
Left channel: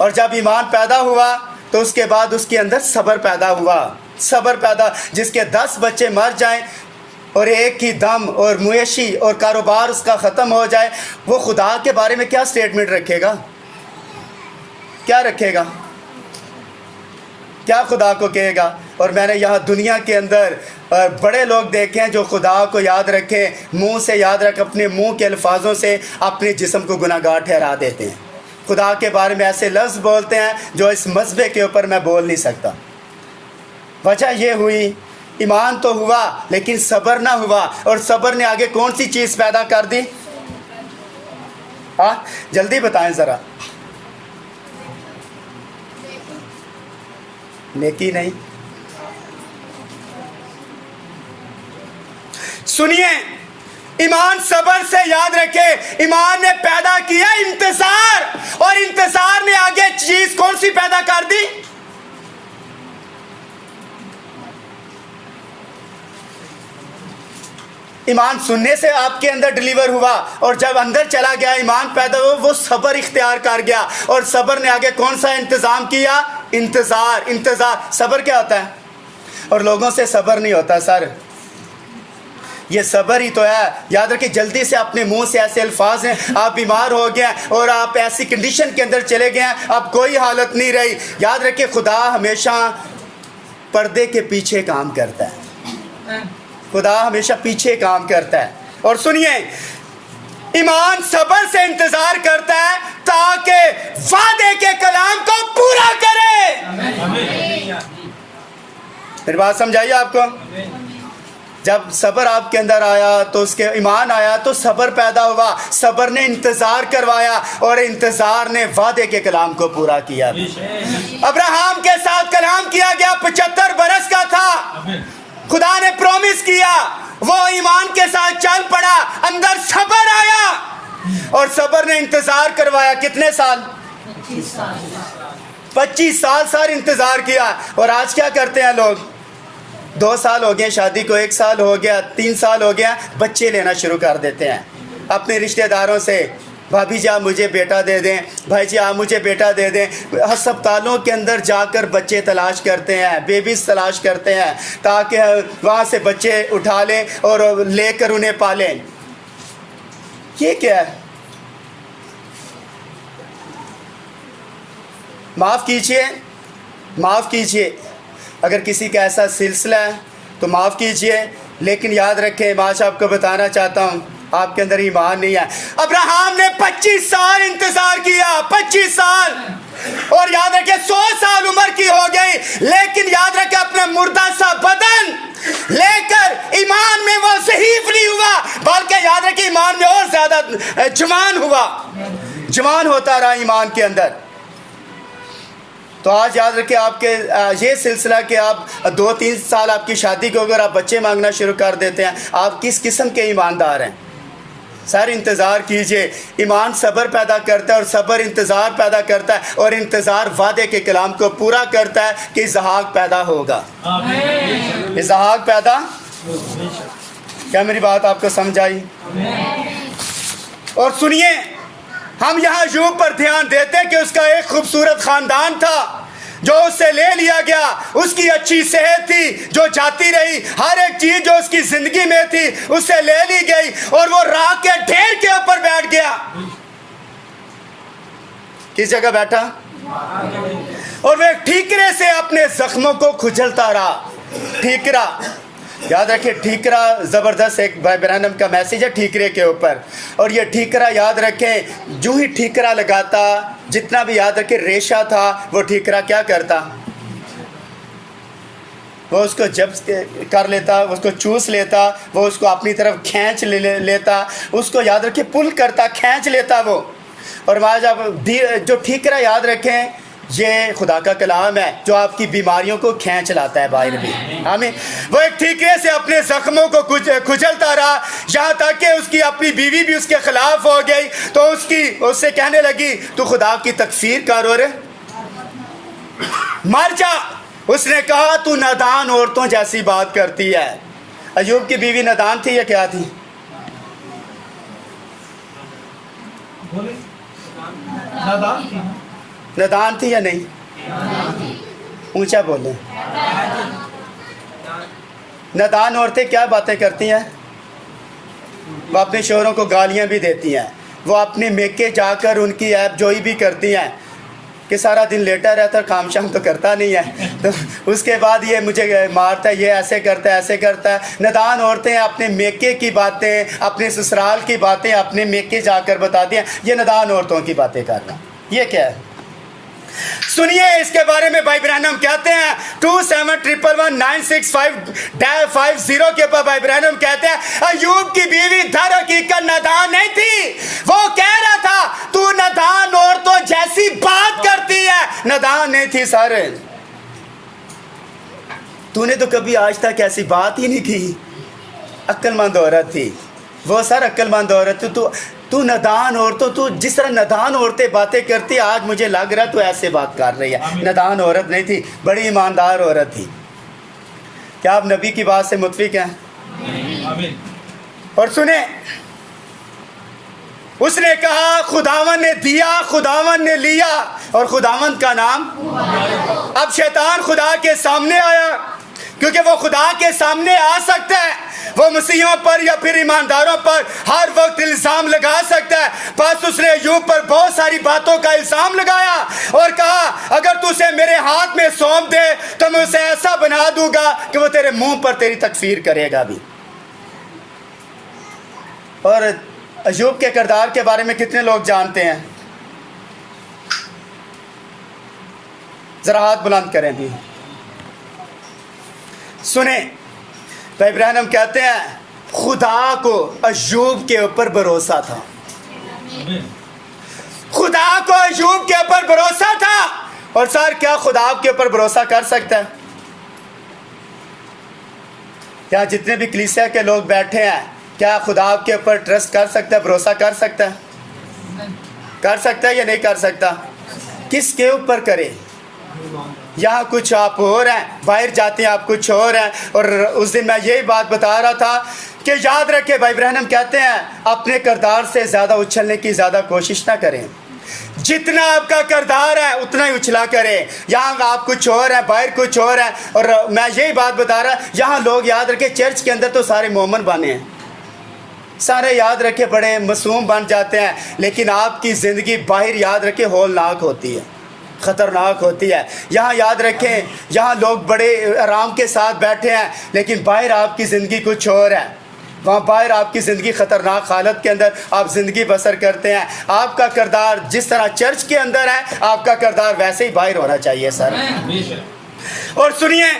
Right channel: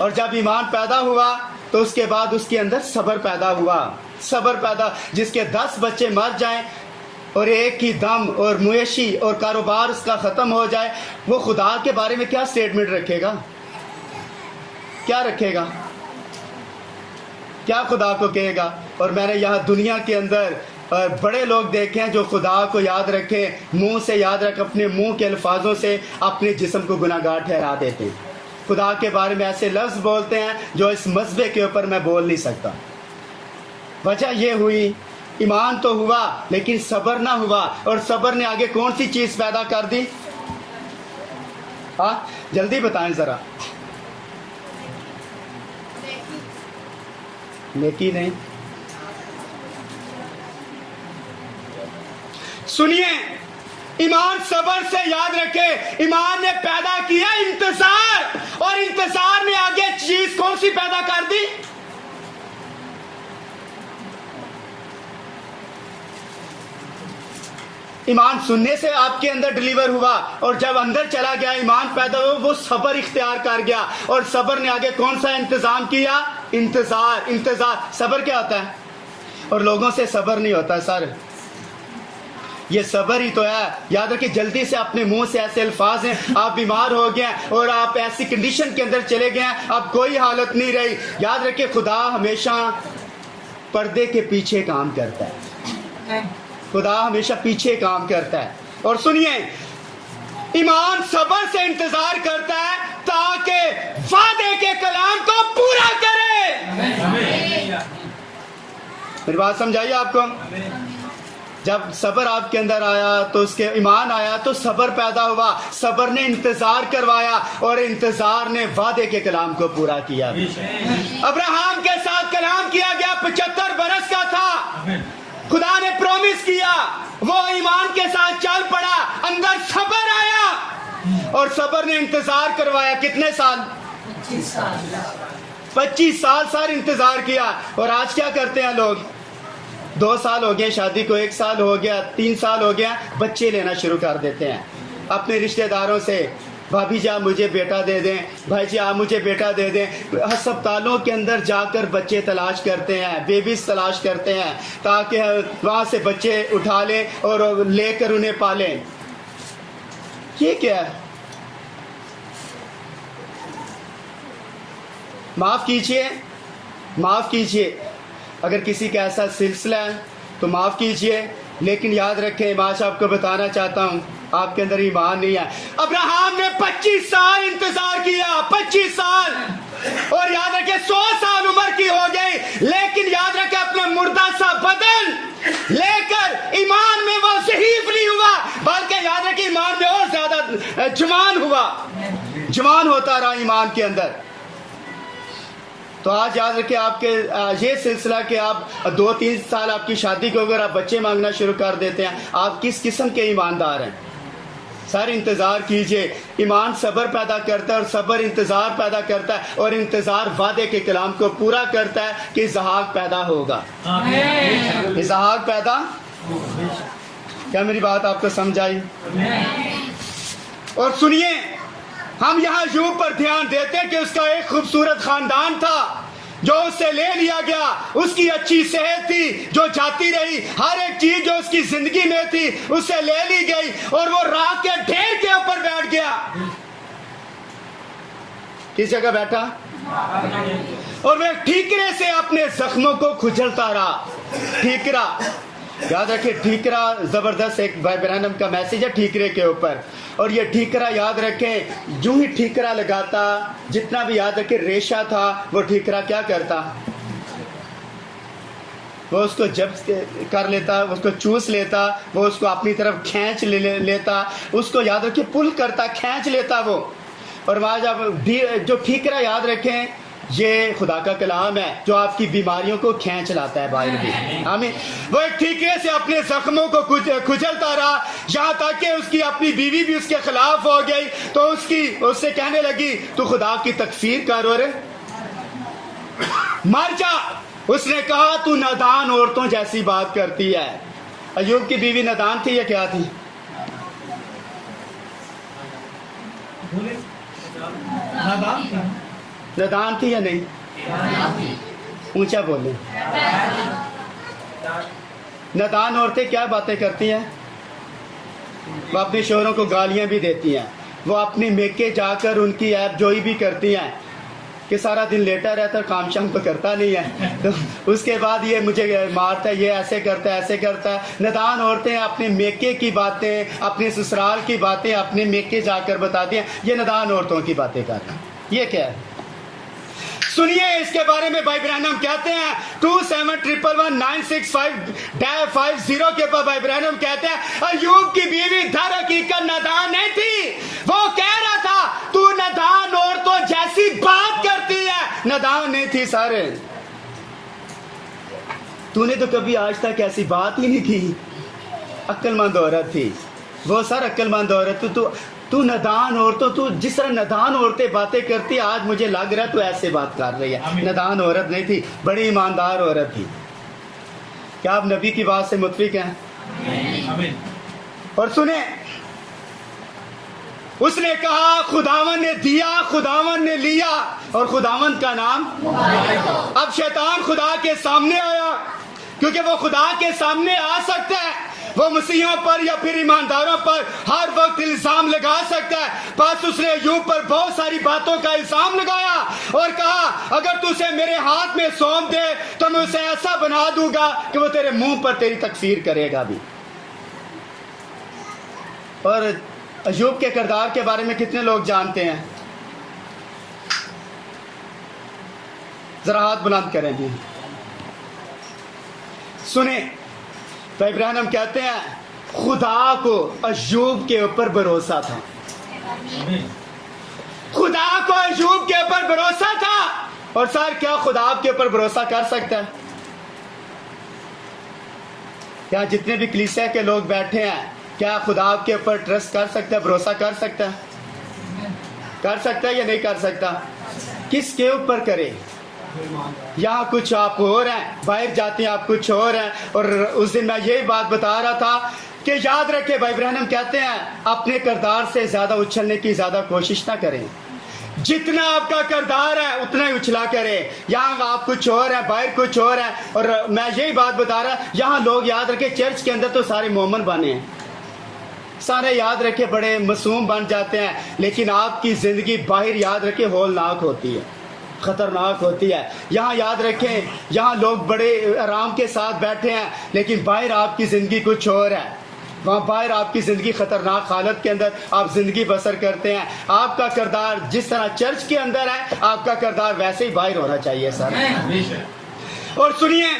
और जब ईमान पैदा हुआ तो उसके बाद उसके अंदर सब्र पैदा हुआ। सब्र पैदा, जिसके 10 बच्चे मर जाएं और एक ही दम और मुएशी और कारोबार उसका ख़त्म हो जाए, वो खुदा के बारे में क्या स्टेटमेंट रखेगा? क्या रखेगा? क्या खुदा को कहेगा? और मैंने यहाँ दुनिया के अंदर बड़े लोग देखे हैं जो खुदा को याद रखें, मुंह से याद रख, अपने मुंह के अल्फाजों से अपने जिस्म को गुनाहगार ठहरा देते हैं। खुदा के बारे में ऐसे लफ्ज़ बोलते हैं जो इस मज़हब के ऊपर मैं बोल नहीं सकता। वजह ये हुई, ईमान तो हुआ लेकिन सब्र ना हुआ। और सब्र ने आगे कौन सी चीज़ पैदा कर दी? हाँ, जल्दी बताएं ज़रा। नेकी नहीं। सुनिए, ईमान सब्र से याद रखे, ईमान ने पैदा किया इंतजार, और इंतजार ने आगे चीज कौन सी पैदा कर दी? ईमान सुनने से आपके अंदर डिलीवर हुआ, और जब अंदर चला गया ईमान पैदा हुआ, वो सब्र इख्तियार कर गया। और सब्र ने आगे कौन सा इंतजाम किया? इंतजार। इंतजार, सब्र क्या होता है? और लोगों से सब्र नहीं होता सर, ये सब्र ही तो है। याद रखिए, जल्दी से अपने मुंह से ऐसे अल्फाज हैं, आप बीमार हो गए और आप ऐसी कंडीशन के अंदर चले गए, अब कोई हालत नहीं रही। याद रखिए, खुदा हमेशा पर्दे के पीछे काम करता है। खुदा हमेशा पीछे काम करता है। और सुनिए, ईमान सब्र से इंतजार करता है ताकि वादे के कलाम को पूरा करे। मेरी बात समझाइए आपको। जब सब्र आपके अंदर आया तो उसके ईमान आया तो सब्र पैदा हुआ। सब्र ने इंतजार करवाया और इंतजार ने वादे के कलाम को पूरा किया। अब्राहम के साथ कलाम किया गया, 75 बरस का था। खुदा ने प्रॉमिस किया, वो ईमान के साथ चल पड़ा, अंदर सब्र आया और सब्र ने इंतजार करवाया। कितने साल? 25 साल सर इंतजार किया। और आज क्या करते हैं लोग? 2 साल हो गए शादी को, 1 साल हो गया, 3 साल हो गया, बच्चे लेना शुरू कर देते हैं अपने रिश्तेदारों से। भाभी जी आप मुझे बेटा दे दें, भाई जी आप मुझे बेटा दे दें। अस्पतालों के अंदर जाकर बच्चे तलाश करते हैं, बेबीज तलाश करते हैं, ताकि वहाँ से बच्चे उठा लें और लेकर उन्हें पालें। ये क्या है? माफ़ कीजिए, माफ़ कीजिए, अगर किसी का ऐसा सिलसिला है तो माफ़ कीजिए, लेकिन याद रखें, मैं आज आपको बताना चाहता हूँ, आपके अंदर ईमान नहीं है। अब्राहम ने 25 साल इंतजार किया, 25 साल, और याद रखे 100 साल उम्र की हो गई, लेकिन याद रखे अपना मुर्दा सा बदन लेकर ईमान में वो ज़ईफ नहीं हुआ, बल्कि याद रखे ईमान में और ज्यादा जवान हुआ, जवान होता रहा ईमान के अंदर। तो आज याद रखिए आपके ये सिलसिला कि आप 2-3 साल आपकी शादी को अगर आप बच्चे मांगना शुरू कर देते हैं, आप किस किस्म के ईमानदार हैं? सर इंतज़ार कीजिए। ईमान सब्र पैदा करता है और सब्र इंतज़ार पैदा करता है, और इंतज़ार वादे के कलाम को पूरा करता है कि इज़हाक पैदा होगा। इज़हाक पैदा, क्या मेरी बात आपको समझ आई? और सुनिए, हम यहाँ यूब पर ध्यान देते हैं कि उसका एक खूबसूरत ख़ानदान था जो उससे ले लिया गया, उसकी अच्छी सेहत थी जो जाती रही, हर एक चीज जो उसकी जिंदगी में थी उससे ले ली गई, और वो राख के ढेर के ऊपर बैठ गया। किस जगह बैठा? और वह ठीकरे से अपने जख्मों को खुजलता रहा। ठीकरा, याद रखिए, ठीकरा ज़बरदस्त एक भाई ब्रहणम का मैसेज है ठीकरे के ऊपर। और ये ठीकरा याद रखें, जो ही ठीकरा लगाता, जितना भी याद रखें रेशा था, वो ठीकरा क्या करता? वो उसको जब्त कर लेता, उसको चूस लेता, वो उसको अपनी तरफ खींच लेता, उसको याद रखें पुल करता, खींच लेता वो। और वहाँ जब जो ठीकरा याद रखें, ये खुदा का कलाम है जो आपकी बीमारियों को खींच लाता है बाहर भी। हमें वो एक ठीकरे से अपने जख्मों को खुजलता रहा, यहाँ तक कि उसकी अपनी बीवी भी उसके खिलाफ हो गई, तो उससे कहने लगी तू खुदा की तकफीर कर रे, मर जा। उसने कहा तू नादान औरतों जैसी बात करती है। अय्यूब की बीवी नादान थी या क्या थी? नादान थी या नहीं? ऊंचा बोले। नादान औरतें क्या बातें करती हैं? वो अपने शोहरों को गालियां भी देती हैं, वो अपने मेके जाकर उनकी ऐप जोई भी करती हैं कि सारा दिन लेटा रहता, काम शाम तो करता नहीं है, तो उसके बाद ये मुझे मारता है, ये ऐसे करता है, ऐसे करता है। नादान औरतें अपने मेके की बातें, अपने ससुराल की बातें अपने मेके जाकर बताती हैं। ये नादान औरतों की बातें करना, ये क्या है? सुनिए, इसके बारे में भाई ब्रहणम कहते हैं 27119650 के ऊपर भाई ब्रहणम कहते हैं अय्यूब की बीवी दर हकीकत नादान नहीं थी। वो कह रहा था तू नादान औरतों जैसी बात करती है, नादान नहीं थी सर, तूने तो कभी आज तक ऐसी बात ही नहीं की। अक्लमंद औरत थी वो सर, अक्लमंद औरत थी। तू नादान औरतों, तू जिस तरह नादान औरतें बातें करती, आज मुझे लग रहा तू ऐसे बात कर रही है। नादान औरत नहीं थी, बड़ी ईमानदार औरत थी। क्या आप नबी की बात से मुतफिक हैं? और सुने, उसने कहा खुदावन ने दिया, खुदावन ने लिया, और खुदावन का नाम। अब शैतान खुदा के सामने आया, क्योंकि वो खुदा के सामने आ सकता है, वो मसीहों पर या फिर ईमानदारों पर हर वक्त इल्ज़ाम लगा सकता है। बस उसने अय्यूब पर बहुत सारी बातों का इल्ज़ाम लगाया और कहा अगर तू उसे मेरे हाथ में सौंप दे तो मैं उसे ऐसा बना दूंगा कि वो तेरे मुंह पर तेरी तकफीर करेगा भी। और अय्यूब के किरदार के बारे में कितने लोग जानते हैं? जरा हाथ बुलंद करें भी। सुने, भाई ब्रहणम कहते हैं खुदा को अय्यूब के ऊपर भरोसा था। खुदा को अय्यूब के ऊपर भरोसा था। और सर, क्या खुदा आपके ऊपर भरोसा कर सकता है? क्या जितने भी कलीसिया के लोग बैठे हैं, क्या खुदा आपके ऊपर ट्रस्ट कर सकता है, भरोसा कर सकता है? कर सकता है या नहीं कर सकता? किसके ऊपर करे? यहाँ कुछ आप और हैं, बाहर जाते हैं आप कुछ और हैं। और उस दिन मैं यही बात बता रहा था कि याद रखें, भाई ब्रहणम कहते हैं अपने किरदार से ज़्यादा उछलने की ज़्यादा कोशिश ना करें। जितना आपका किरदार है उतना ही उछला करें। यहाँ आप कुछ और है, बाहर कुछ और है। और मैं यही बात बता रहा, यहाँ लोग याद रखें चर्च के अंदर तो सारे मोमन बने हैं, सारे याद रखे बड़े मासूम बन जाते हैं, लेकिन आपकी ज़िंदगी बाहर याद रखे होलनाक होती है, ख़तरनाक होती है। यहाँ याद रखें, यहाँ लोग बड़े आराम के साथ बैठे हैं, लेकिन बाहर आपकी ज़िंदगी कुछ और है। वहाँ बाहर आपकी ज़िंदगी ख़तरनाक हालत के अंदर आप ज़िंदगी बसर करते हैं। आपका किरदार जिस तरह चर्च के अंदर है, आपका किरदार वैसे ही बाहर होना चाहिए सर। और सुनिए,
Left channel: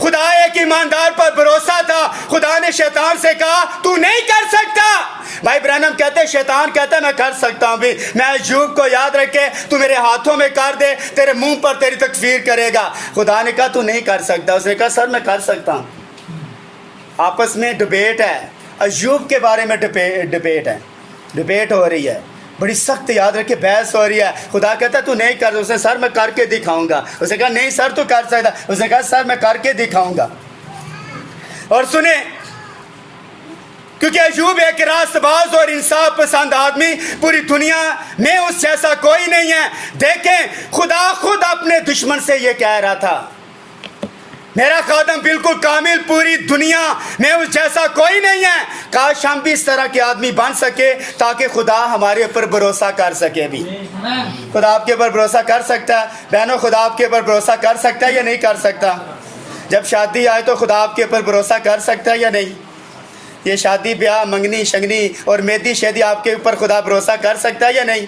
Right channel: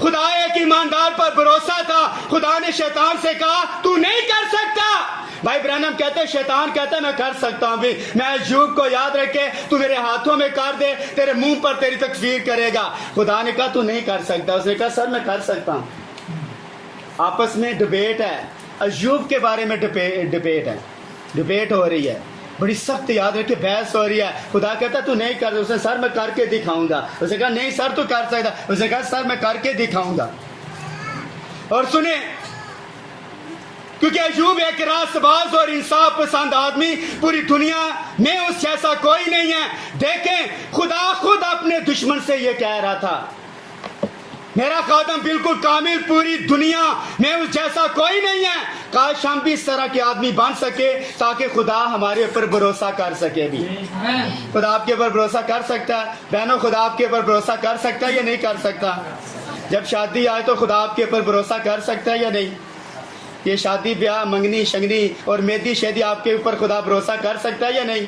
खुदा एक ईमानदार पर भरोसा था। खुदा ने शैतान से कहा तू नहीं कर सकता। भाई ब्रैनम कहते हैं, शैतान कहता है मैं कर सकता हूं भी। मैं अय्यूब को याद रखे, तू मेरे हाथों में कर दे, तेरे मुंह पर तेरी तकफीर करेगा। खुदा ने कहा तू नहीं कर सकता। उसने कहा सर मैं कर सकता हूं। आपस में डिबेट है, अय्यूब के बारे में डिबेट हो रही है, बड़ी सख्त, याद रखिए, बहस हो रही है। खुदा कहता तू नहीं कर। उसने सर मैं करके दिखाऊंगा। उसने कहा नहीं सर तू कर सकता। उसने कहा सर मैं करके दिखाऊंगा। और सुने, क्योंकि अय्यूब एक रास्तबाज और इंसाफ पसंद आदमी, पूरी दुनिया में उस जैसा कोई नहीं है। देखें, खुदा खुद अपने दुश्मन से ये कह रहा था, मेरा खादम बिल्कुल कामिल, पूरी दुनिया में उस जैसा कोई नहीं है। काश हम भी इस तरह के आदमी बन सके ताकि खुदा हमारे ऊपर भरोसा कर सके भी। खुदा आपके ऊपर भरोसा कर सकता है बहनों, खुदा आपके ऊपर भरोसा कर सकता है या नहीं कर सकता? जब शादी आए तो खुदा आपके ऊपर भरोसा कर सकता है या नहीं? ये शादी ब्याह, मंगनी शंगनी और मेहंदी शेदी, आपके ऊपर खुदा भरोसा कर सकता है या नहीं?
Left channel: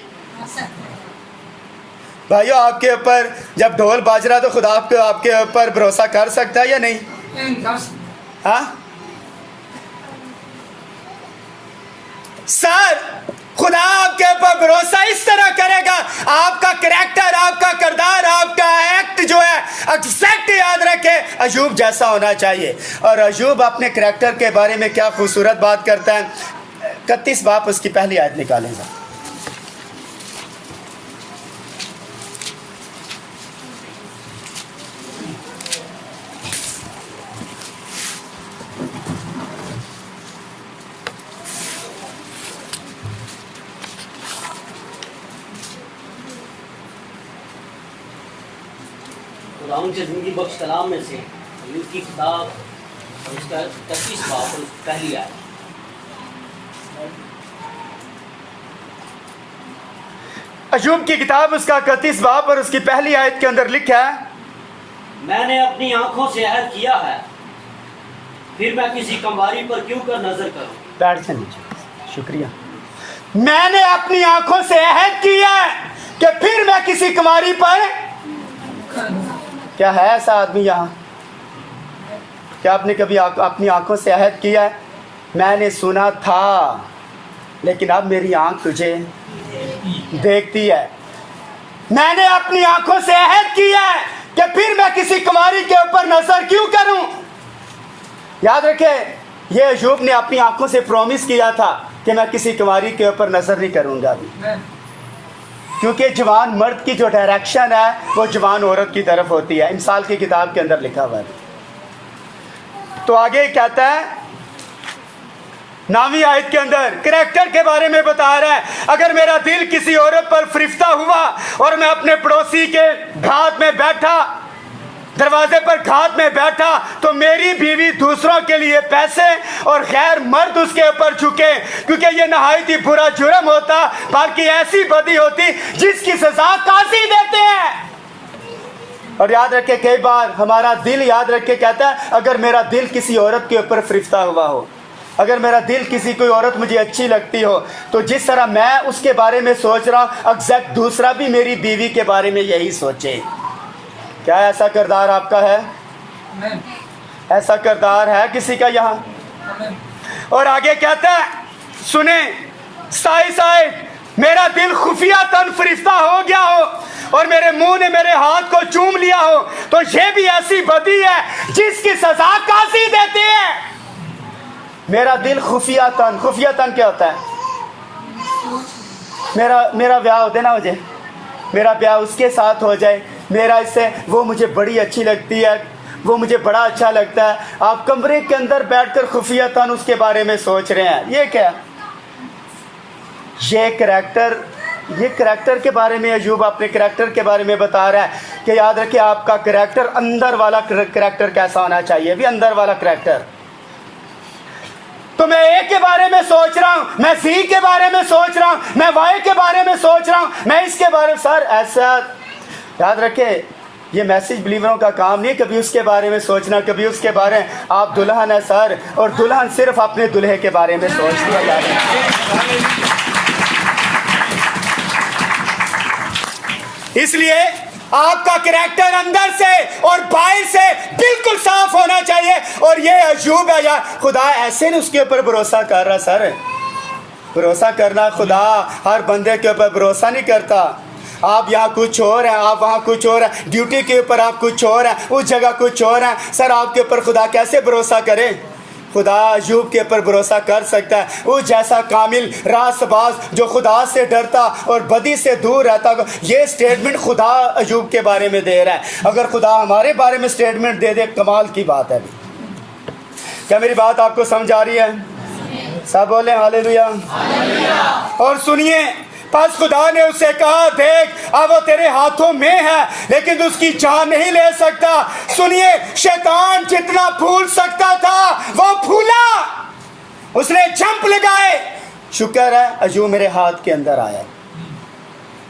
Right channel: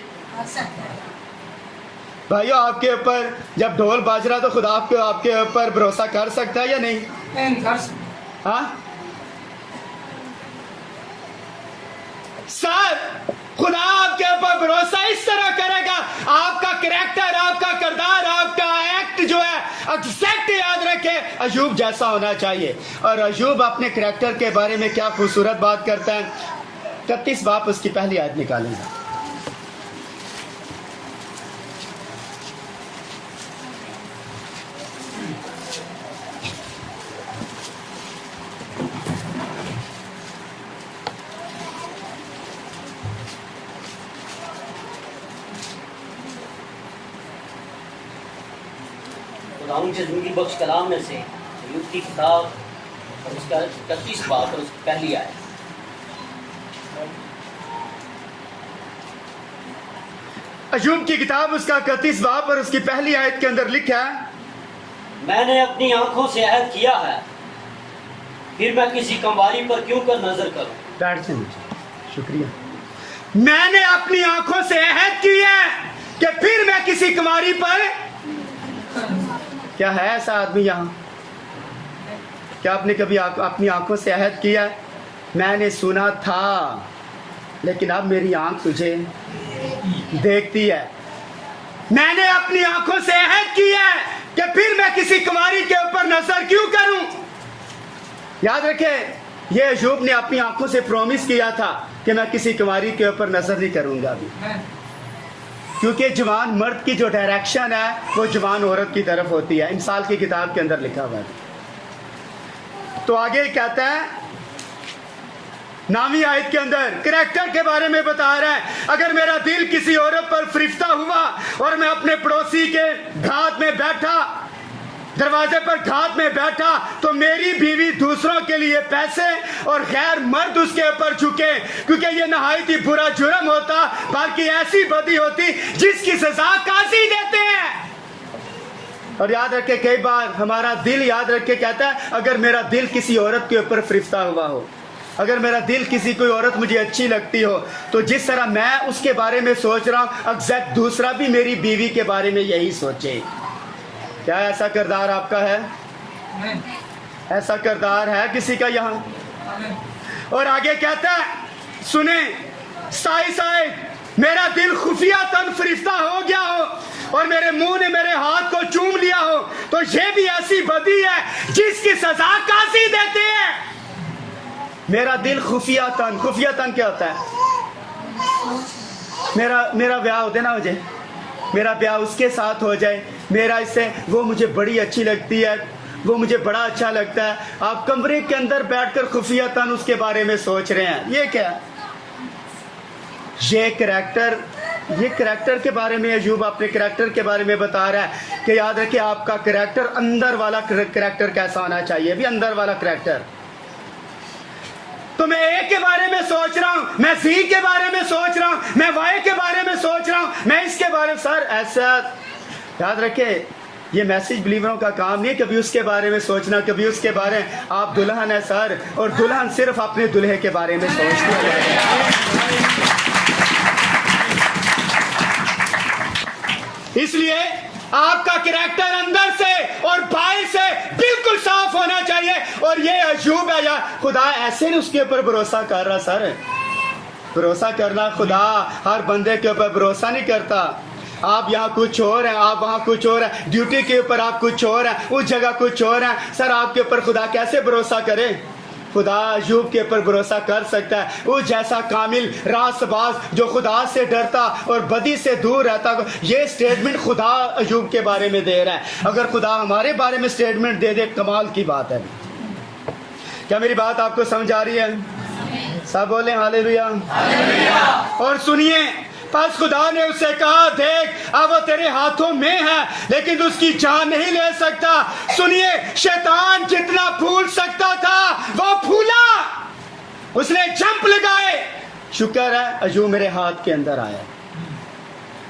भाइयों, आपके ऊपर जब ढोल बाज रहा तो खुदा आपके ऊपर भरोसा कर सकता है या नहीं? हाँ सर, खुदा आपके ऊपर भरोसा इस तरह करेगा, आपका कैरेक्टर, आपका किरदार, आपका एक्ट जो है एग्जैक्ट याद रखे अय्यूब जैसा होना चाहिए। और अय्यूब अपने कैरेक्टर के बारे में क्या खूबसूरत बात करता है। 31 बाब उसकी पहली आयत निकालेंगे। खुदावंद के ज़िंदगी बख्श कलाम में से यूद की किताब और इसका 25 बाब और उसकी पहली आयत। अय्यूब की किताब उसका 31 बाब और उसकी पहली आयत के अंदर लिखा है, मैंने अपनी आंखों से अहद किया है, फिर मैं किसी कंवारी पर क्यों कर नजर करूं। बैठ जाइए, शुक्रिया। मैंने अपनी आंखों से अहद किया कि फिर मैं किसी कुमारी पर। क्या है ऐसा आदमी यहाँ? क्या आपने कभी अपनी आंखों से अहद किया? मैंने सुना था लेकिन अब मेरी आंख तुझे देखती है। मैंने अपनी आंखों से अहद किया कि फिर मैं किसी कुमारी के ऊपर नजर क्यों करूं। याद रखे, ये अय्यूब ने अपनी आंखों से प्रॉमिस किया था कि मैं किसी कुमारी के ऊपर नजर नहीं करूंगा अभी, क्योंकि जवान मर्द की जो डायरेक्शन है वो जवान औरत की तरफ होती है। इमसाल की किताब के अंदर लिखा हुआ है। तो आगे कहता है 9वीं आयत के अंदर कैरेक्टर के बारे में बता रहा है, अगर मेरा दिल किसी औरत पर फरिश्ता हुआ और मैं अपने पड़ोसी के घात में बैठा, दरवाजे पर घात में बैठा, तो मेरी बीवी दूसरों के लिए पैसे और गैर मर्द उसके ऊपर झुके, क्योंकि ये नहायत ही बुरा जुर्म होता, बल्कि ऐसी बदी होती जिसकी सजा काजी देते हैं। और याद रखे, कई बार हमारा दिल, याद रखे, कहता है अगर मेरा दिल किसी औरत के ऊपर फरिश्ता हुआ हो, अगर मेरा दिल किसी कोई औरत मुझे अच्छी लगती हो, तो जिस तरह मैं उसके बारे में सोच रहा हूँ एग्जैक्ट दूसरा भी मेरी बीवी के बारे में यही सोचे। क्या ऐसा किरदार आपका है? ऐसा किरदार है किसी का यहाँ? और आगे कहता है, सुने, साई साई मेरा दिल खुफिया तन फरिश्ता हो गया हो और मेरे मुंह ने मेरे हाथ को चूम लिया हो, तो ये भी ऐसी बदी है जिसकी सजा काजी देती है। मेरा दिल खुफिया तन क्या होता है? मेरा ब्याह हो ना, मेरा ब्याह उसके साथ हो जाए, मेरा इससे, वो मुझे बड़ी अच्छी लगती है, वो मुझे बड़ा अच्छा लगता है। आप कमरे के अंदर बैठकर खुफिया तन उसके बारे में सोच रहे हैं। ये क्या? ये करैक्टर के बारे में अय्यूब अपने करैक्टर के बारे में बता रहा है कि याद रखिए आपका करैक्टर, अंदर वाला करैक्टर कैसा होना चाहिए, भी अंदर वाला करैक्टर। तो मैं ए के बारे में सोच रहा हूं, मैं सी के बारे में सोच रहा हूं, मैं वाई के बारे में सोच रहा हूं, मैं इसके बारे में, सर ऐसा याद रखे, ये मैसेज बिलीवरों का काम नहीं, कभी उसके बारे में सोचना, कभी उसके बारे में। आप दुल्हन है सर, और दुल्हन सिर्फ अपने दूल्हे के बारे में सोचती है। इसलिए आपका कैरेक्टर अंदर से और बाहर से बिल्कुल साफ होना चाहिए। और ये अयूब है, या खुदा ऐसे नहीं उसके ऊपर भरोसा कर रहा सर। भरोसा करना, खुदा हर बंदे के ऊपर भरोसा नहीं करता। आप यहाँ कुछ और हैं, आप वहाँ कुछ और हैं, ड्यूटी के ऊपर आप कुछ और हैं, उस जगह कुछ और हैं। सर आपके ऊपर खुदा कैसे भरोसा करे? खुदा अयूब के ऊपर भरोसा कर सकता है। वो जैसा कामिल रास्तबाज जो खुदा से डरता और बदी से दूर रहता। ये स्टेटमेंट खुदा अयूब के बारे में दे रहा है। अगर खुदा हमारे बारे में स्टेटमेंट दे दे, कमाल की बात है। क्या मेरी बात आपको समझ आ रही है? सब बोले हालेलुया। और सुनिए, बस खुदा ने उससे कहा, देख अब वो तेरे हाथों में है, लेकिन तू उसकी जान नहीं ले सकता। सुनिए, शैतान जितना फूल सकता था वो फूला, उसने जंप लगाए। शुक्र है अयूब मेरे हाथ के अंदर आया।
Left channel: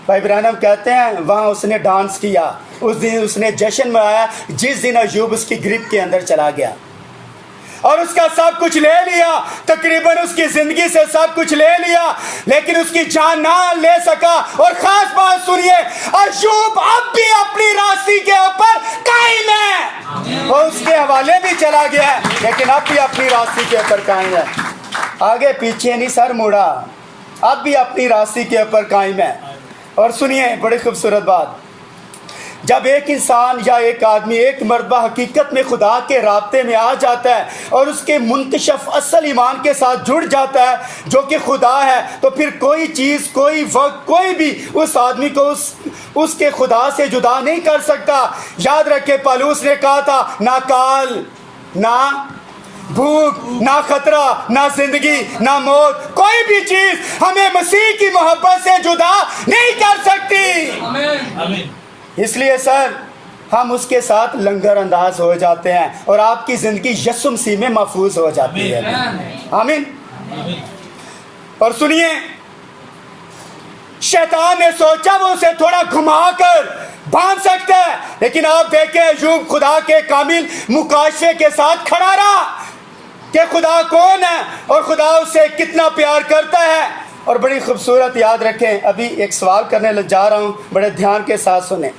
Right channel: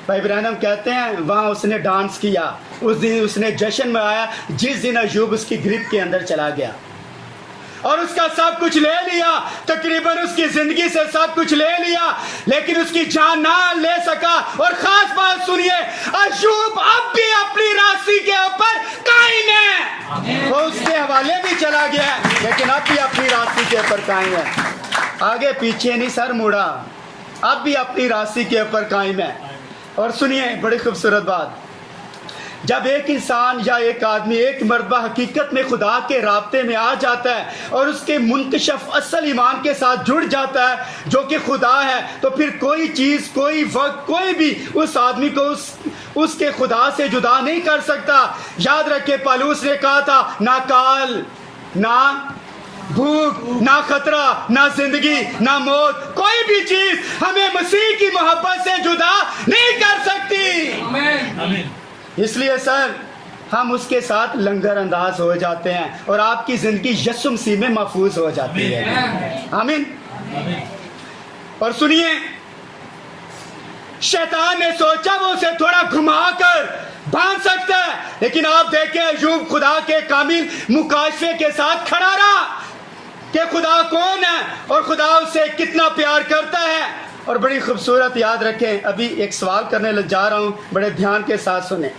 भाई ब्रैनम कहते हैं वहां उसने डांस किया, उस दिन उसने जश्न मनाया जिस दिन अयूब उसकी ग्रिप के अंदर चला गया और उसका सब कुछ ले लिया। तकरीबन उसकी जिंदगी से सब कुछ ले लिया, लेकिन उसकी जान ना ले सका। और खास बात सुनिए, अयूब अब भी अपनी रास्ते के ऊपर कायम है। वो उसके हवाले भी चला गया, लेकिन अब भी अपनी रास्ते के ऊपर कायम है। आगे पीछे नहीं सर मुड़ा, अब भी अपनी रास्ते के ऊपर कायम है। और सुनिए बड़ी खूबसूरत बात, जब एक इंसान या एक आदमी, एक मर्दबा हकीकत में खुदा के राब्ते में आ जाता है और उसके मुंतशफ असल ईमान के साथ जुड़ जाता है जो कि खुदा है, तो फिर कोई चीज़, कोई वक्त, कोई भी उस आदमी को उसके खुदा से जुदा नहीं कर सकता। याद रखे, पौलुस ने कहा था, ना काल, ना भूख, ना खतरा, ना जिंदगी, ना मौत, कोई भी चीज हमें मसीह की मोहब्बत से जुदा नहीं कर सकती। आमीन। इसलिए सर हम उसके साथ लंगर अंदाज हो जाते हैं और आपकी जिंदगी यीशु मसीह में महफूज हो जाती है। आमीन। और सुनिए, शैतान ने सोचा वो उसे थोड़ा घुमाकर बांध सकता है, लेकिन आप देखें अयूब खुदा के कामिल मुकाशे के साथ खड़ा रहा कि खुदा कौन है और खुदा उसे कितना प्यार करता है। और बड़ी खूबसूरत, याद रखें, अभी एक सवाल करने लग जा रहा हूँ, बड़े ध्यान के साथ सुने।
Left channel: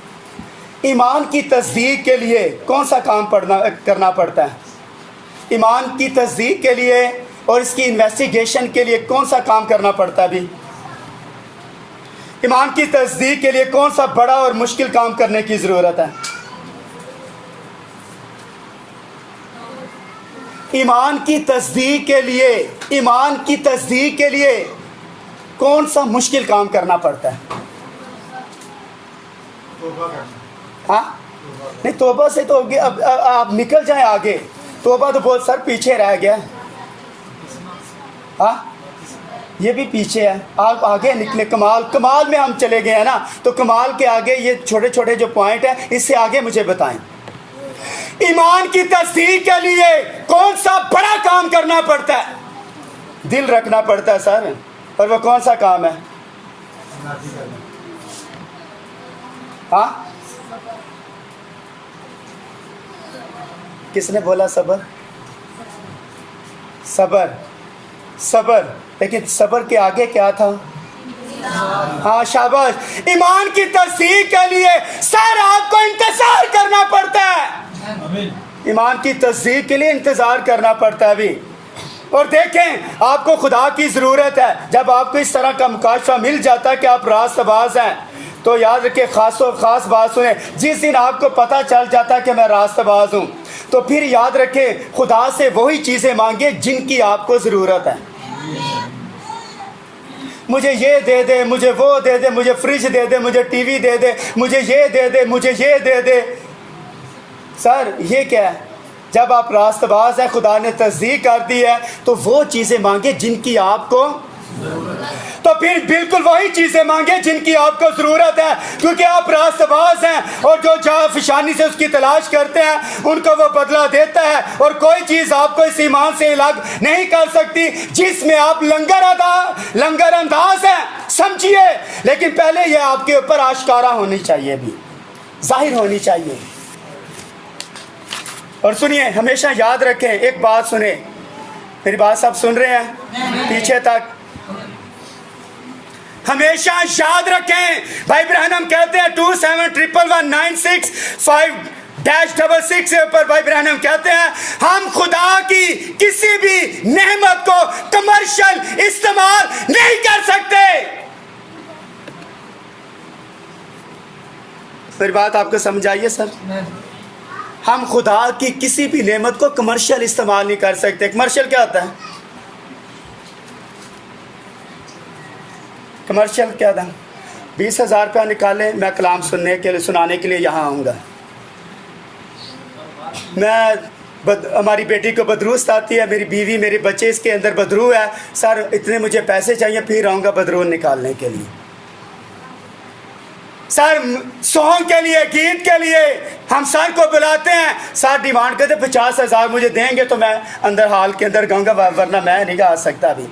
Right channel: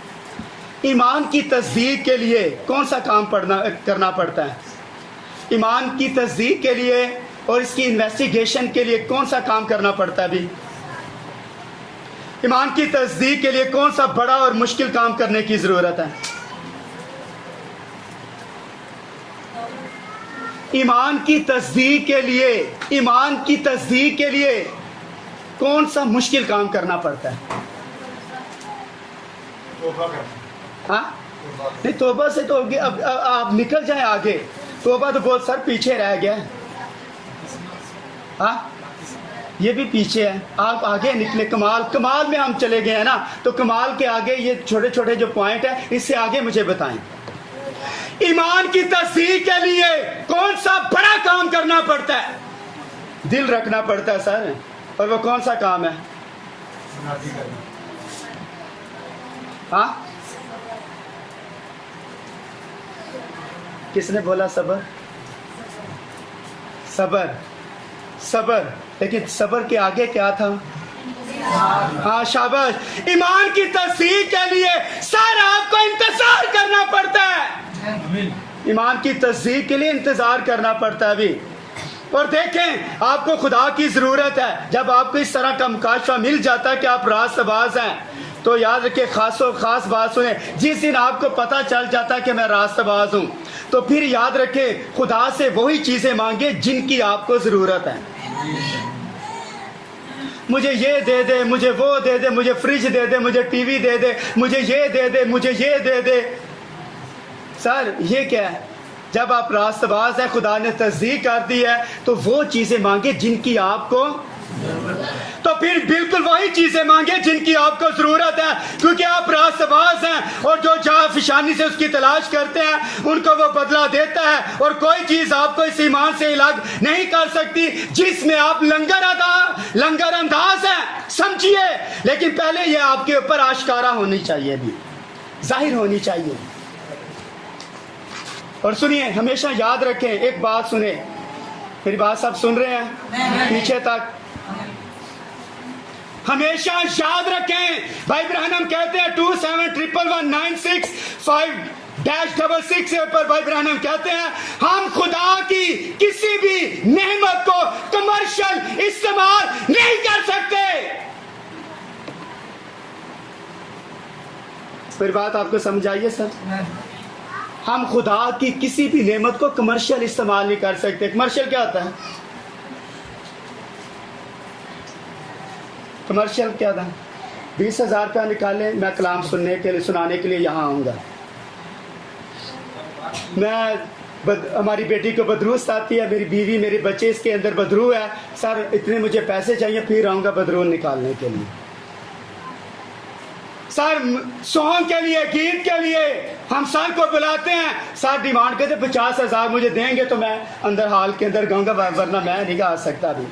ईमान की तस्दीक के लिए कौन सा काम करना पड़ता है? ईमान की तस्दीक के लिए और इसकी इन्वेस्टिगेशन के लिए कौन सा काम करना पड़ता है? अभी ईमान की तस्दीक के लिए कौन सा बड़ा और मुश्किल काम करने की ज़रूरत है? ईमान की तस्दीक के लिए, ईमान की तस्दीक के लिए कौन सा मुश्किल काम करना पड़ता है? हाँ नहीं, तौबा से तो अब आप निकल जाए आगे। तौबा तो बहुत सर पीछे रह गया। हाँ ये भी पीछे है, आप आगे निकले। कमाल में हम चले गए हैं ना, तो कमाल के आगे ये छोटे छोटे जो पॉइंट है, इससे आगे मुझे बताएं। ईमान की तस्दीक के लिए कौन सा बड़ा काम करना पड़ता है? दिल रखना पड़ता है सर। और वो कौन सा काम है? हाँ किसने बोला? सबर, सबर, सबर। लेकिन सबर के आगे क्या था? हाँ शाबाश। ईमान की तस्दीक के लिए सर आपको इंतजार करना पड़ता है। ईमान की तस्दीक के लिए इंतजार करना पड़ता है अभी। और देखें, आपको खुदा की ज़रूरत है। जब आपको इस तरह का मुकाशफा मिल जाता है कि आप रास्तबाज हैं, तो याद रखिए, खास बात सुने, जिस दिन आपको पता चल जाता है कि मैं रास्तबाज हूँ, तो फिर याद रखें, खुदा से वही चीज़ें मांगे जिनकी आपको ज़रूरत है। मुझे ये दे दे, मुझे वो दे दे, मुझे फ्रिज दे दे, मुझे टीवी दे दे, मुझे ये दे दे, मुझे ये दे दे। सर ये क्या है? जब आप रास्तबाज है, खुदा ने तस्दीक कर दी है, तो वो चीज़ें मांगे जिनकी आपको, तो फिर बिल्कुल वही चीज़ें मांगे जिनकी आपको ज़रूरत है, क्योंकि आप रास्तबाज हैं। और जो जाफिशानी से उसकी तलाश करते हैं, उनको वो बदला देता है। और कोई चीज़ आपको इस ईमान से अलग नहीं कर सकती जिसमें आप लंगर अंदाज हैं, समझिए। लेकिन पहले ये आपके ऊपर आश्कारा होनी चाहिए। भी जाहिर होनी चाहिए। और सुनिए, हमेशा याद रखें, एक बात सुने, मेरी बात सब सुन रहे हैं पीछे तक? हमेशा याद रखें, भाई ब्रहणम कहते हैं 27119656 से ऊपर भाई ब्रहणम कहते हैं हम खुदा की किसी भी नेमत को कमर्शियल इस्तेमाल नहीं कर सकते। मेरी बात आपको समझ आई है सर? हम खुदा की किसी भी नेमत को कमर्शियल इस्तेमाल नहीं कर सकते। कमर्शियल क्या होता है? कमर्शियल क्या था? 20,000 रुपया निकाले, मैं कलाम सुनाने के लिए यहाँ आऊँगा। हमारी बेटी को बदरूस्त आती है, मेरी बीवी मेरे बच्चे इसके अंदर बदरू है, सर इतने मुझे पैसे चाहिए, फिर आऊँगा बदरू निकालने के लिए। सर सॉन्ग के लिए, गीत के लिए हम सर को बुलाते हैं, सर डिमांड करते 50,000 मुझे देंगे तो मैं अंदर हॉल के अंदर गाऊंगा, वरना मैं नहीं गा सकता अभी।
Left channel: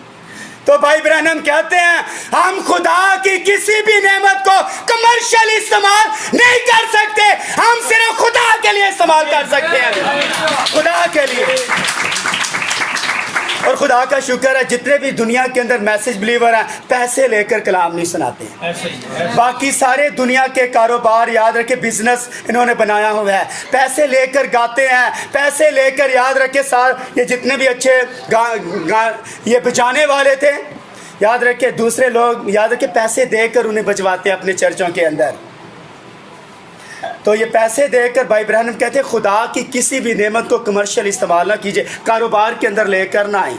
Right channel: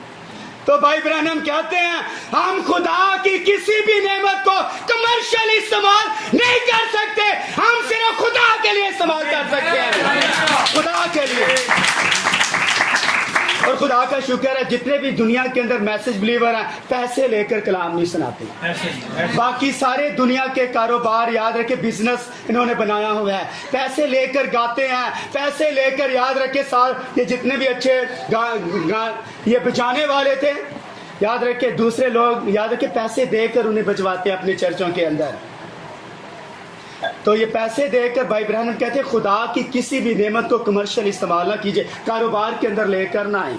तो भाई ब्रहणम कहते हैं हम खुदा की किसी भी नेमत को कमर्शियल इस्तेमाल नहीं कर सकते, हम सिर्फ खुदा के लिए इस्तेमाल कर सकते हैं, खुदा के लिए। और खुदा का शुक्र है जितने भी दुनिया के अंदर मैसेज बिलीवर हैं पैसे लेकर कलाम नहीं सुनाते। बाकी सारे दुनिया के कारोबार, याद रखे, बिजनेस इन्होंने बनाया हुआ है, पैसे लेकर गाते हैं, पैसे लेकर, याद रखे ये जितने भी अच्छे ये बजाने वाले थे, याद रखे दूसरे लोग, याद रखे पैसे देकर उन्हें बजवाते हैं अपने चर्चों के अंदर। तो ये पैसे देकर भाई ब्रहणम कहते हैं खुदा की किसी भी नेमत को कमर्शियल इस्तेमाल ना कीजिए, कारोबार के अंदर लेकर ना आए।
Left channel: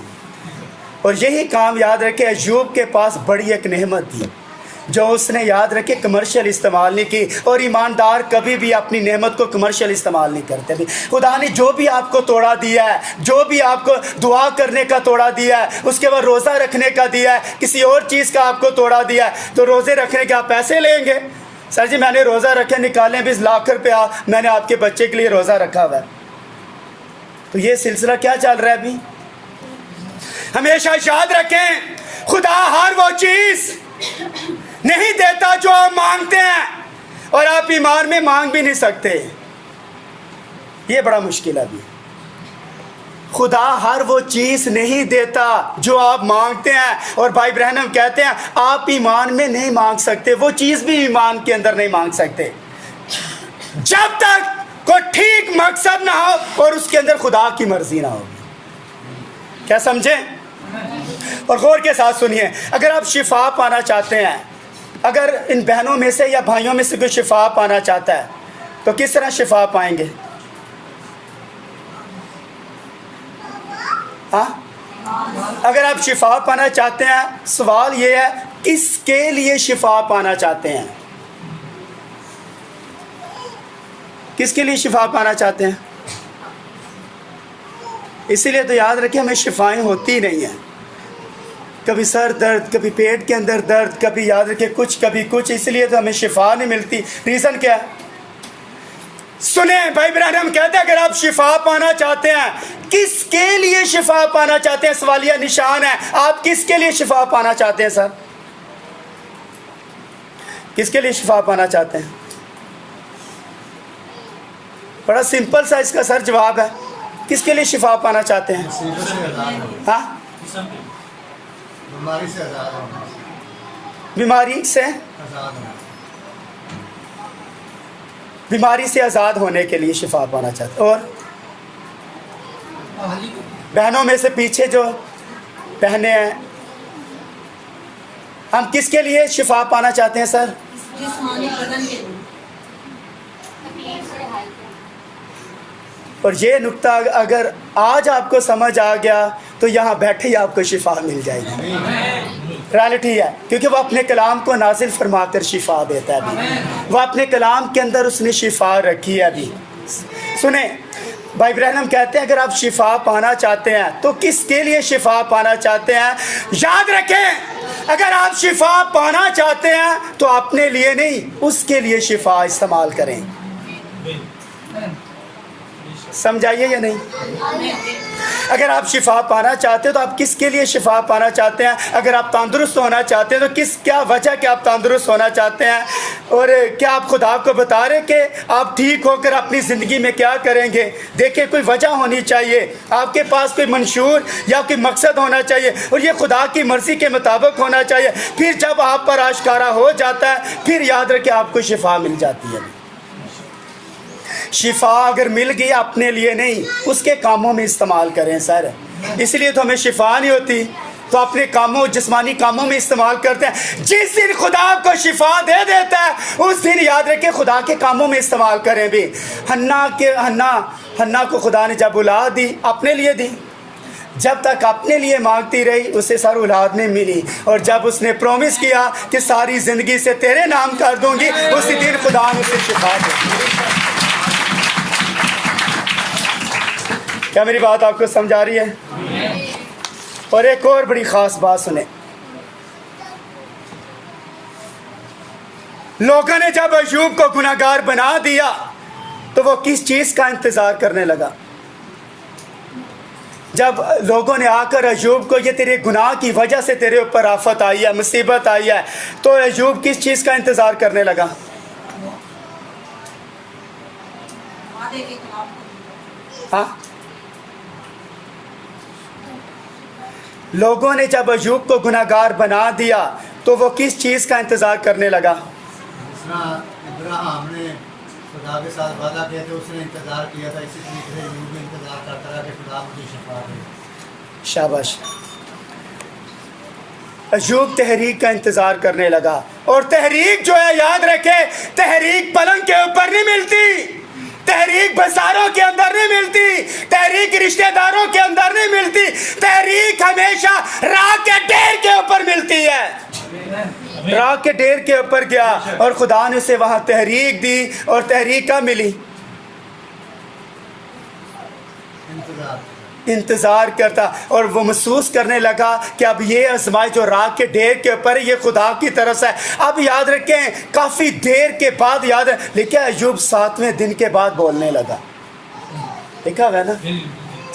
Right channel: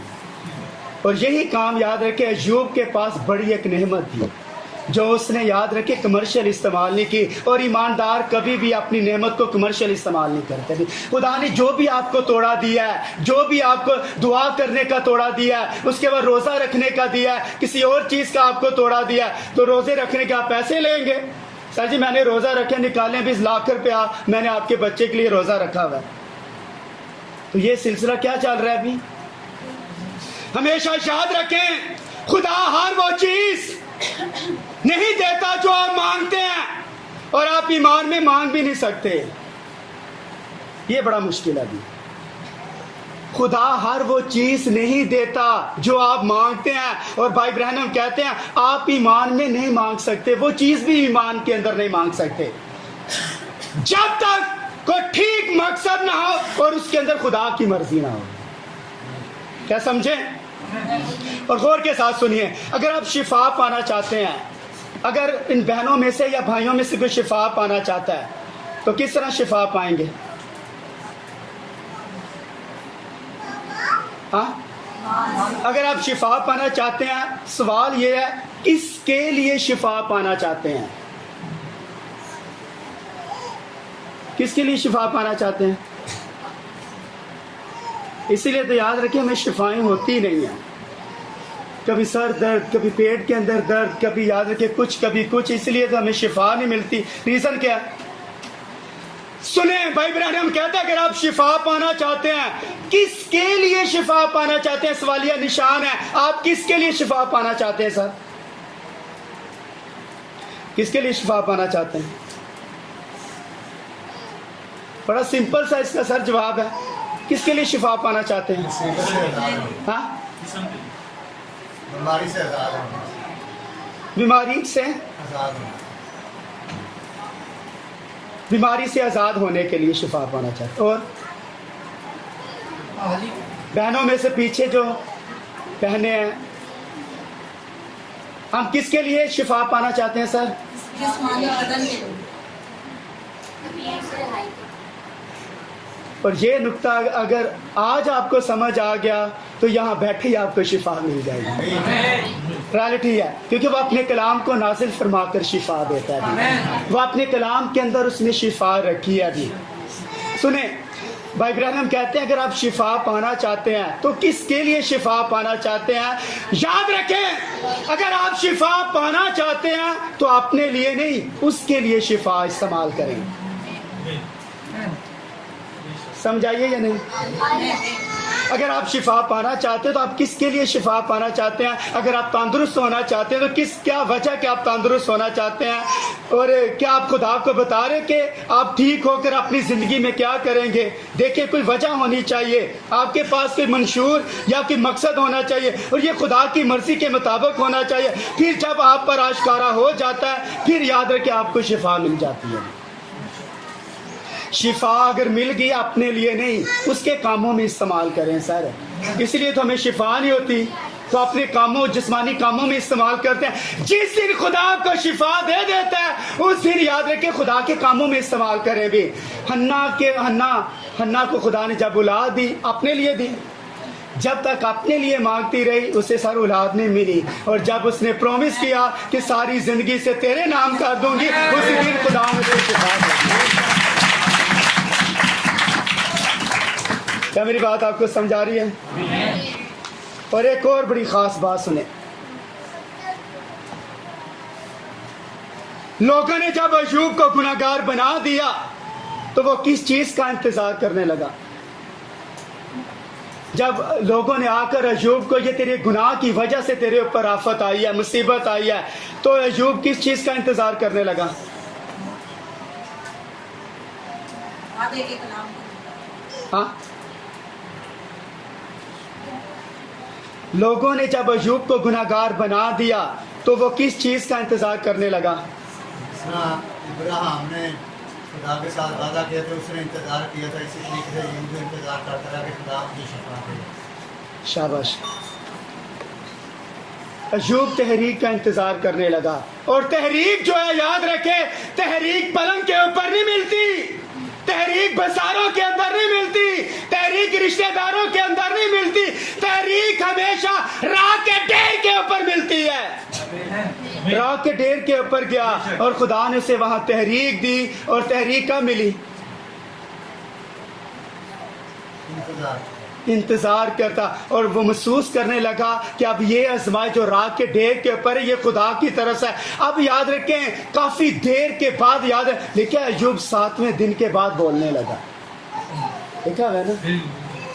और यही काम, याद रखे, अय्यूब के पास बड़ी एक नेमत थी जो उसने, याद रखे, कमर्शियल इस्तेमाल नहीं की। और ईमानदार कभी भी अपनी नेमत को कमर्शियल इस्तेमाल नहीं करते भी। खुदा ने जो भी आपको तोड़ा दिया है, जो भी आपको दुआ करने का तोड़ा दिया है, उसके बाद रोज़ा रखने का दिया है, किसी और चीज़ का आपको तोड़ा दिया है, तो रोज़े रखने के आप पैसे लेंगे। सर जी मैंने रोज़ा रखे, निकालें 20 लाख रुपया, मैंने आपके बच्चे के लिए रोज़ा रखा हुआ है। तो ये सिलसिला क्या चल रहा है अभी? हमेशा याद रखें, खुदा हर वो चीज़ नहीं देता जो आप मांगते हैं, और आप ईमान में मांग भी नहीं सकते। ये बड़ा मुश्किल है अभी। खुदा हर वो चीज़ नहीं देता जो आप मांगते हैं। और भाई ब्रहणम कहते हैं आप ईमान में नहीं मांग सकते, वो चीज़ भी ईमान के अंदर नहीं मांग सकते जब तक कोई ठीक मकसद ना हो और उसके अंदर खुदा की मर्जी ना हो। क्या समझे? और गौर के साथ सुनिए, अगर आप शिफा पाना चाहते हैं, अगर इन बहनों में से या भाइयों में से कोई शिफा पाना चाहता है तो किस तरह शिफा पाएंगे? हाँ, अगर आप शिफा पाना चाहते हैं, सवाल ये है किसके लिए शिफा पाना चाहते हैं? किसके लिए शिफा पाना चाहते हैं? इसीलिए तो याद रखिए हमें शिफाएं होती नहीं हैं, कभी सर दर्द, कभी पेट के अंदर दर्द, कभी याद रखिए कुछ, कभी कुछ, इसलिए तो हमें शिफा नहीं मिलती। रीज़न क्या है? सुने, भाई ब्रहणम कहते हैं अगर आप शिफा पाना चाहते हैं, किसके लिए शिफा पाना चाहते हैं? सवालिया निशान है। आप किसके लिए शिफा पाना चाहते हैं सर? किसके लिए शिफा पाना चाहते हैं? बड़ा सिंपल सा इसका सर जवाब है, किसके लिए शिफा पाना चाहते हैं? हाँ, बीमारी से आजाद होना, बीमारी से, बीमारी से आज़ाद होने के लिए शिफा पाना चाहते। और बहनों में से पीछे जो बहनें हैं, हम किसके लिए शिफा पाना चाहते हैं सर? जिस्मानी बदन के लिए। और ये नुक्ता अगर आज आपको समझ आ गया तो यहाँ बैठे ही आपको शिफा मिल जाएगी। रियलिटी है, क्योंकि वो अपने कलाम को नाजिल फरमाकर शिफा देता है अभी। वो अपने कलाम के अंदर उसने शिफा रखी है अभी। सुने, भाई ब्रहणम कहते हैं अगर आप शिफा पाना चाहते हैं तो किसके लिए शिफा पाना चाहते हैं? याद रखें, अगर आप शिफा पाना चाहते हैं तो अपने लिए नहीं, उसके लिए शिफा इस्तेमाल करें। समझाइए या नहीं? अगर आप शिफा पाना चाहते हो तो आप किसके लिए शिफा पाना चाहते हैं? अगर आप तंदुरुस्त होना चाहते हैं तो क्या वजह कि आप तंदुरुस्त होना चाहते हैं? और क्या आप खुदा को बता रहे कि आप ठीक होकर अपनी ज़िंदगी में क्या करेंगे? देखिए, कोई वजह होनी चाहिए, आपके पास कोई मंशूर या कोई मकसद होना चाहिए, और ये खुदा की मर्ज़ी के मुताबिक होना चाहिए। फिर जब आप पर आश्कारा हो जाता है, फिर याद रखें आपको शिफा मिल जाती है। शिफा अगर मिल गई अपने लिए नहीं, उसके कामों में इस्तेमाल करें सर। इसलिए तो हमें शिफा नहीं होती तो अपने कामों, जिस्मानी कामों में इस्तेमाल करते हैं। जिस दिन खुदा आपको शिफा दे देता है उस दिन याद रखें खुदा के कामों में इस्तेमाल करें भी। हन्ना को खुदा ने जब औलाद दी, अपने लिए दी। जब तक अपने लिए मांगती रही उसे सर औलाद नहीं मिली, और जब उसने प्रॉमिस किया कि सारी ज़िंदगी से तेरे नाम कर दूंगी, उसी दिन खुदा ने उसे शिफा दी। क्या मेरी बात आपको समझ आ रही है? और एक और बड़ी ख़ास बात सुने, लोगों ने जब अय्यूब को गुनाहगार बना दिया तो वो किस चीज़ का इंतज़ार करने लगा? जब लोगों ने आकर अय्यूब को, ये तेरे गुनाह की वजह से तेरे ऊपर आफत आई है, मुसीबत आई है, तो अय्यूब किस चीज़ का इंतज़ार करने लगा? हाँ, लोगों ने जब अय्यूब को गुनाहगार बना दिया तो वो किस चीज़ का इंतज़ार करने लगा? इब्राहिम ने खुदा के साथ वादा किया था, उसने इंतज़ार किया था, इसी तरीके से अय्यूब भी इंतज़ार करता रहा कि खुदा मुझे शिफा दे। शाबाश। अय्यूब तहरीक का इंतज़ार करने लगा, और तहरीक जो है याद रखे, तहरीक पलंग के ऊपर नहीं मिलती, तहरीक बाजारों के अंदर नहीं मिलती, तहरीक रिश्तेदारों के अंदर नहीं मिलती, तहरीक हमेशा राह के ढेर के ऊपर मिलती है। राह के ढेर के ऊपर गया और खुदा ने उसे वहां तहरीक दी, और तहरीक का मिली इंतज़ार करता, और वो महसूस करने लगा कि अब ये आजमाई जो राग के ढेर के ऊपर ये खुदा की तरफ से। अब याद रखें, काफ़ी देर के बाद याद है, लेकिन अय्यूब 7वें दिन के बाद बोलने लगा। देखा है ना,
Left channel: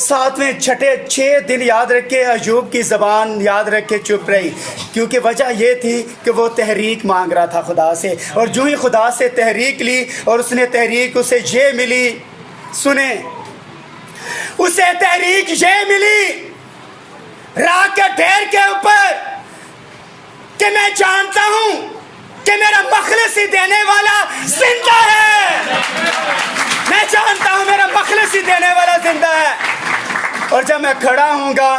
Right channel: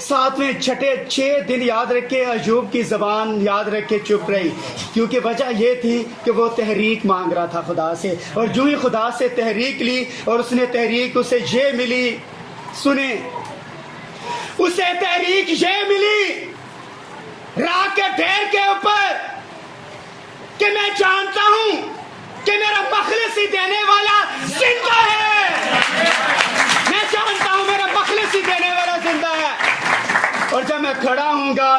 7वें 6 दिन याद रखे अय्यूब की ज़बान याद रखे चुप रही, क्योंकि वजह ये थी कि वो तहरीक मांग रहा था खुदा से, और जो ही खुदा से तहरीक ली और उसने तहरीक उसे ये मिली, सुने, उसे तहरीक ये मिली राह के ढेर के ऊपर कि मैं जानता हूं कि मेरा मखलसी देने वाला जिंदा है। मैं जानता हूं मेरा मखलसी देने वाला जिंदा है, और जब मैं खड़ा हूंगा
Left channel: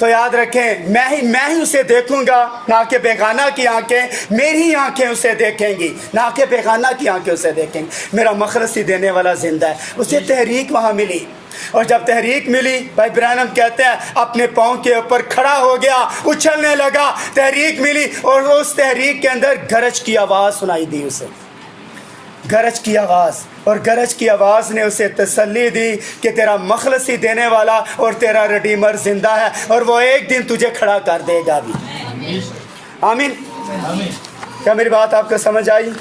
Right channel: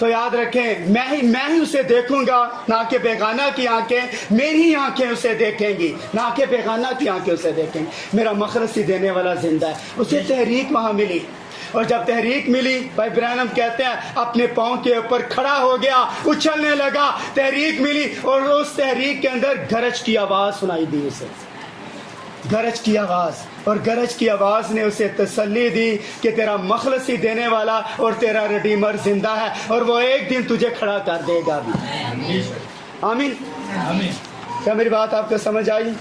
तो याद रखें मैं ही उसे देखूंगा, ना कि बेगाना की आंखें, मेरी आंखें उसे देखेंगी, ना कि बेगाना की आंखें उसे देखेंगी। मेरा मखलसी देने वाला जिंदा है। उसे तहरीक वहां मिली, और जब तहरीक मिली, भाई ब्रैनम कहते हैं अपने पाँव के ऊपर खड़ा हो गया, उछलने लगा। तहरीक मिली और उस तहरीक के अंदर गरज की आवाज़ सुनाई दी उसे, गरज की आवाज़, और गरज की आवाज़ ने उसे तसल्ली दी कि तेरा मखलसी देने वाला और तेरा रिडीमर जिंदा है, और वो एक दिन तुझे खड़ा कर देगा भी। आमीन। क्या मेरी बात आपको समझ आई?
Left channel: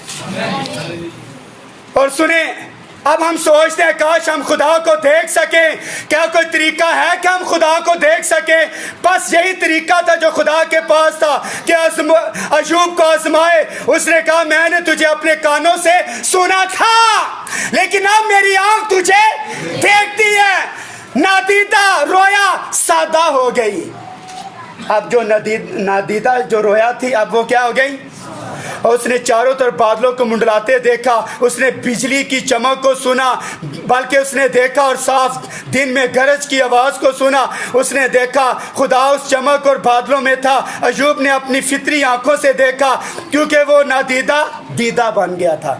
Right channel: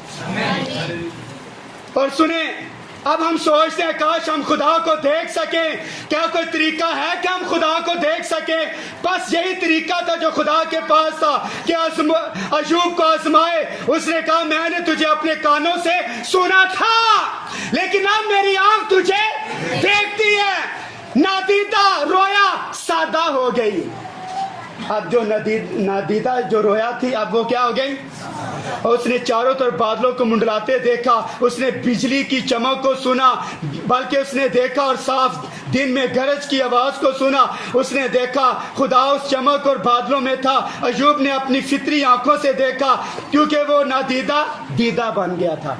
और सुने, अब हम सोचते हैं काश हम खुदा को देख सकें। क्या कोई तरीका है कि हम खुदा को देख सकें? बस यही तरीका था जो खुदा के पास था कि अय्यूब को आजमाए। उसने कहा मैंने तुझे अपने कानों से सुना था, लेकिन अब मेरी आंख तुझे देखती है। नादीदा रोया सादा हो गई। अब जो नादीदा जो रोया थी, अब वो क्या हो गई? और उसने चारों तरफ बादलों को मुंडलाते देखा, उसने बिजली की चमक को सुना, बल्कि उसने देखा और साफ दिन में गरज की आवाज़ को सुना। उसने देखा खुदा उस चमक और बादलों में था। अय्यूब ने अपनी फितरी आंखों से देखा, क्योंकि वो नादीदा दीदा बन गया था।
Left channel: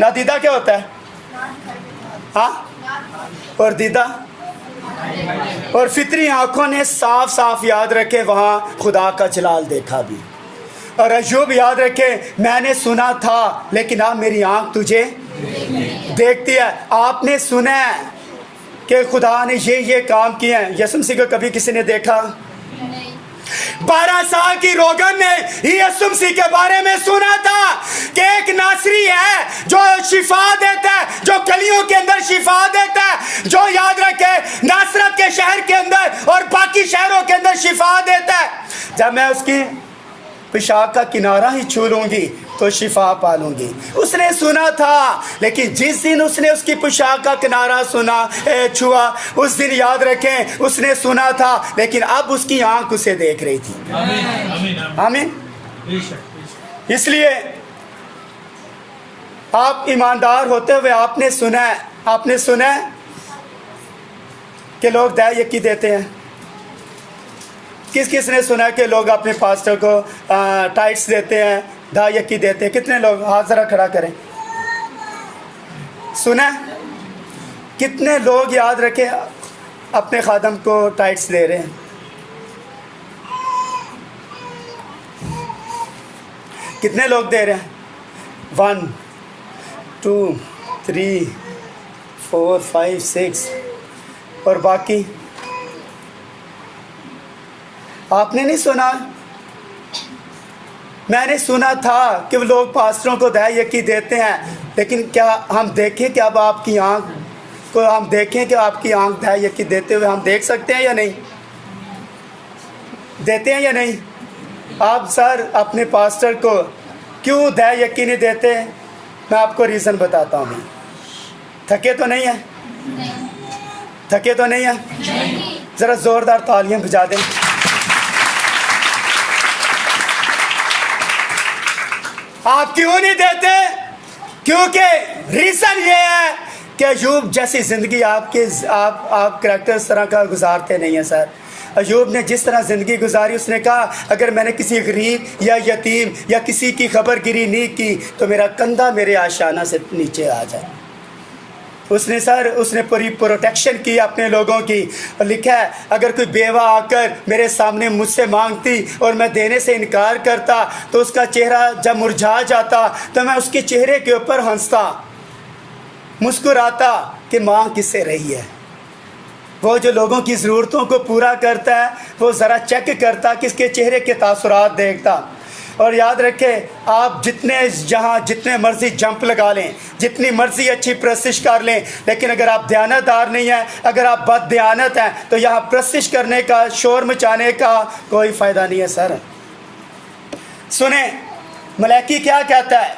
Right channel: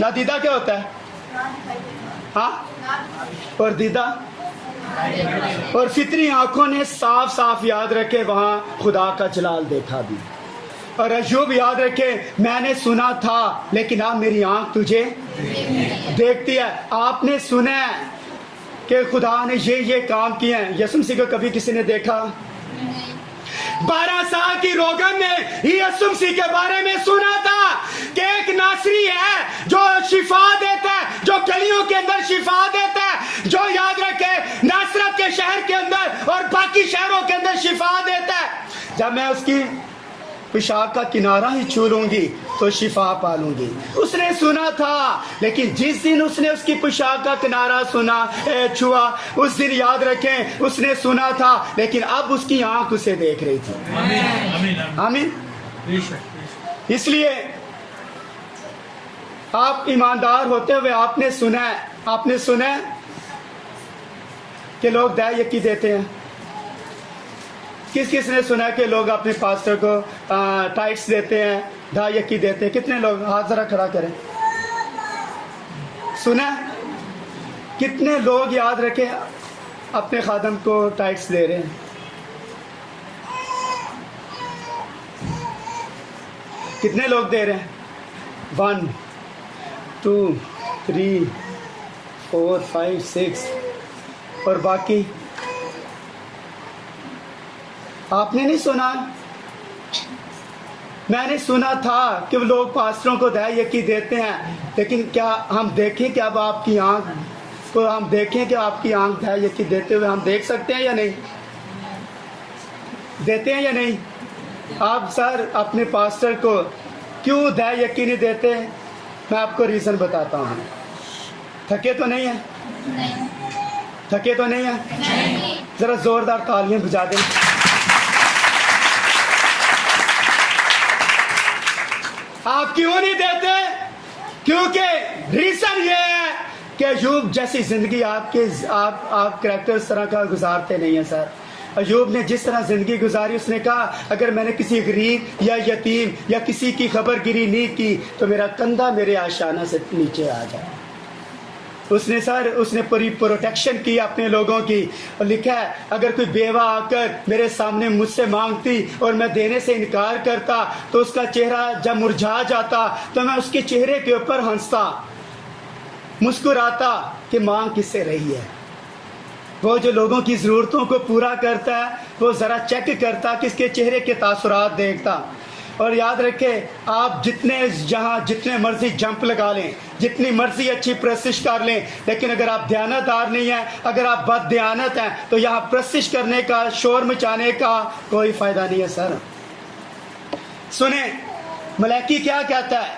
नादीदा क्या होता है? हाँ, और दीदा, और फितरी आंखों ने साफ साफ याद रखे वहाँ खुदा का जलाल देखा भी। और अय्यूब याद रखे मैंने सुना था, लेकिन अब मेरी आंख तुझे देखती है। आपने सुना है कि खुदा ने ये काम किए हैं। यीशु मसीह को कभी किसी ने देखा? 12 साल की रोगन ने यीशु मसीह के बारे में सुना था कि एक नासरी है जो शिफा देता है, जो गलियों के अंदर शिफा देता है। जो याद रखे नासरत के शहर के अंदर और बाकी शहरों के अंदर शिफा देता है। जब मैं उसकी पेशाब का किनारा ही छू लूंगी तो शिफा पालूंगी। उसने सुना था, लेकिन जिस दिन उसने उसकी पेशाब का किनारा छुआ, उस दिन याद रखें उसने सुना था, लेकिन अब उसकी आंख उसे देख रही थी। आमीन। इसलिए आप ईमानदार होते हुए आपने सुना है कि लोग दाय यकी देते हैं। किस ने सुना कि लोग अपने पास्टर को टाइट्स देते हैं, दाय यकी देते हैं? कितने लोग? हाथ जरा खड़ा करें। सुना? कितने लोग याद रखें अपने खादम को टाइट्स दे रहे हैं? कितने लोग दे रहे हैं? 1 2 3 4 5 6 और बाकी? आपने नहीं सुना? मैंने सुना था कि वो लोग पास्टरों को दाय यकी देते हैं, लेकिन क्या हम देखें कि अब आपकी आंख को हम देखें कि आपकी आंख दाय यकी देते हुए हम देख सकते हैं या नहीं? देते हैं या नहीं? आप सर अपने पास्टर को क्यों दाय यकी नहीं देते? मैं आपको रीज़न बताता हूँ। थके तो नहीं है? थके तो नहीं है? ज़रा ज़ोरदार तालियां बजा दें। आप क्यों नहीं देते? क्योंकि रीज़न ये है कि अयूब जैसी ज़िंदगी आप करैक्टर इस तरह का गुजारते नहीं हैं सर। अयूब ने जिस तरह ज़िंदगी गुजारी, उसने कहा अगर मैंने किसी गरीब या यतीम या किसी की खबरगिरी नहीं की तो मेरा कंधा मेरे आशाना से नीचे आ जाए। उसने पूरी प्रोटेक्शन की अपने लोगों की। और लिखा है अगर कोई बेवा आकर मेरे सामने मुझसे मांगती और मैं देने से इनकार करता तो उसका चेहरा जब मुरझा जाता तो मैं उसके चेहरे के ऊपर हंसता, मुस्कुराता कि मांग किससे रही है। वो जो लोगों की ज़रूरतों को पूरा करता है वो ज़रा चेक करता, किसके चेहरे के तासुरात देखता। और याद रखें, आप जितने मर्जी जंप लगा लें, जितनी मर्जी अच्छी प्रस्तिश कर लें, लेकिन अगर आप दयानतदार नहीं हैं, अगर आप बददयानत हैं, तो यहाँ प्रस्तिश करने का, शोर मचाने का कोई फ़ायदा नहीं है सर। सुने मलाइकी क्या कहता है?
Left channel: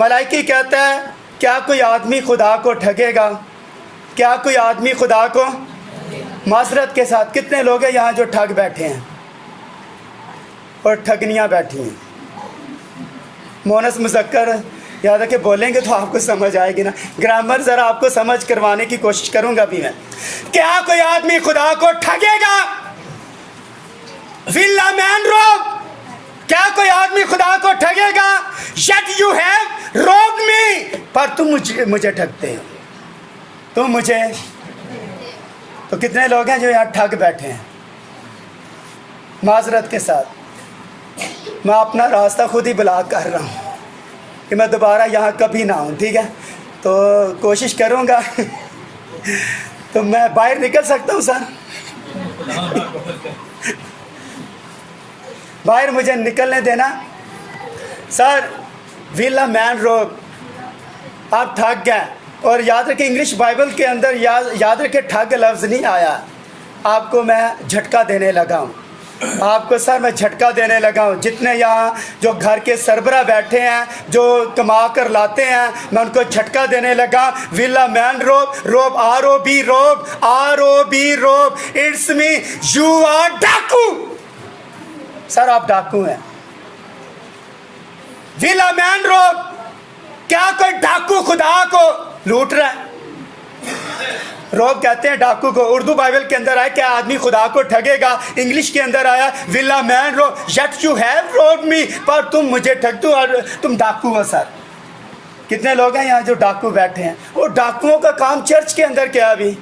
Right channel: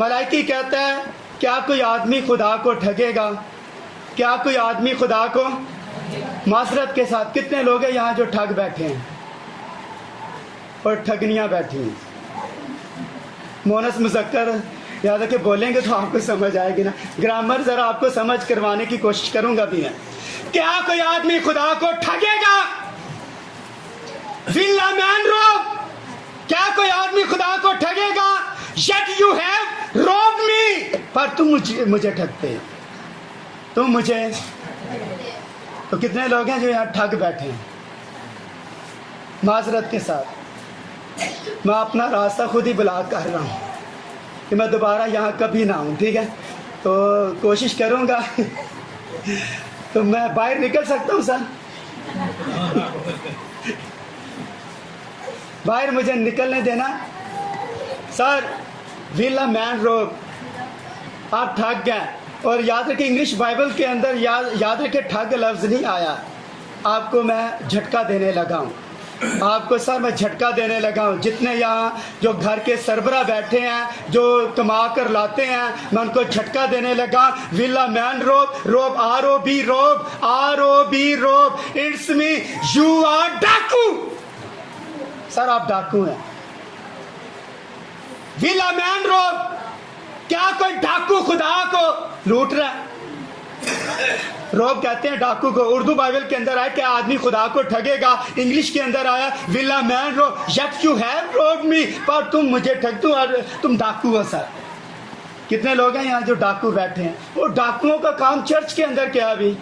मलाइकी कहता है क्या कोई आदमी खुदा को ठगेगा? क्या कोई आदमी खुदा को? माजरत के साथ कितने लोग हैं यहाँ जो ठग बैठे हैं और ठगनियाँ बैठी हैं? मोनस मुज़क्कर याद रखे बोलेंगे तो आपको समझ आएगी ना। ग्रामर ज़रा आपको समझ करवाने की कोशिश करूँगा भी मैं। क्या कोई आदमी खुदा को ठगेगा? विल्ला मैन रोब, क्या कोई आदमी खुदा को ठगेगा? Yet you have robbed me, पर तुम मुझे ठगते हो, तुम मुझे। तो कितने लोग हैं जो यहाँ ठग बैठे हैं? माजरत के साथ मैं अपना रास्ता खुद ही ब्लॉक कर रहा हूँ कि मैं दोबारा यहाँ कभी ना आऊँ, ठीक है? तो कोशिश करूँगा तो मैं बाहर निकल सकता हूँ सर। बाहर मुझे निकलने देना सर। विला मैन रोग, आप ठग गए। और याद रखें इंग्लिश बाइबल के अंदर याद रखें ठग लफ्ज़ नहीं आया। आपको मैं झटका देने लगा हूँ, आपको सर मैं झटका देने लगा हूँ। जितने यहाँ जो घर के सरबरा बैठे हैं, जो कमा कर लाते हैं, मैं उनको झटका देने लगा। विला मैन रोब ROB रोब, इट्स मी, यू आर डाकू। सर आप डाकू हैं। विला मैन रोब, क्या कोई डाकू खुदा को लूट रहा है? रोब कहते हैं डाकू को। उर्दू बाइबल के अंदर आया क्या आदमी खुदा को ठगेगा? इंग्लिश के अंदर आया विला मैन रोब, yet you have robbed me, पर तुम मुझे ठग दो और तुम डाकू हो सर। कितने लोग हैं यहाँ जो डाकू बैठे हैं? वो डाकुओं का काम चर्च के अंदर क्या? अभी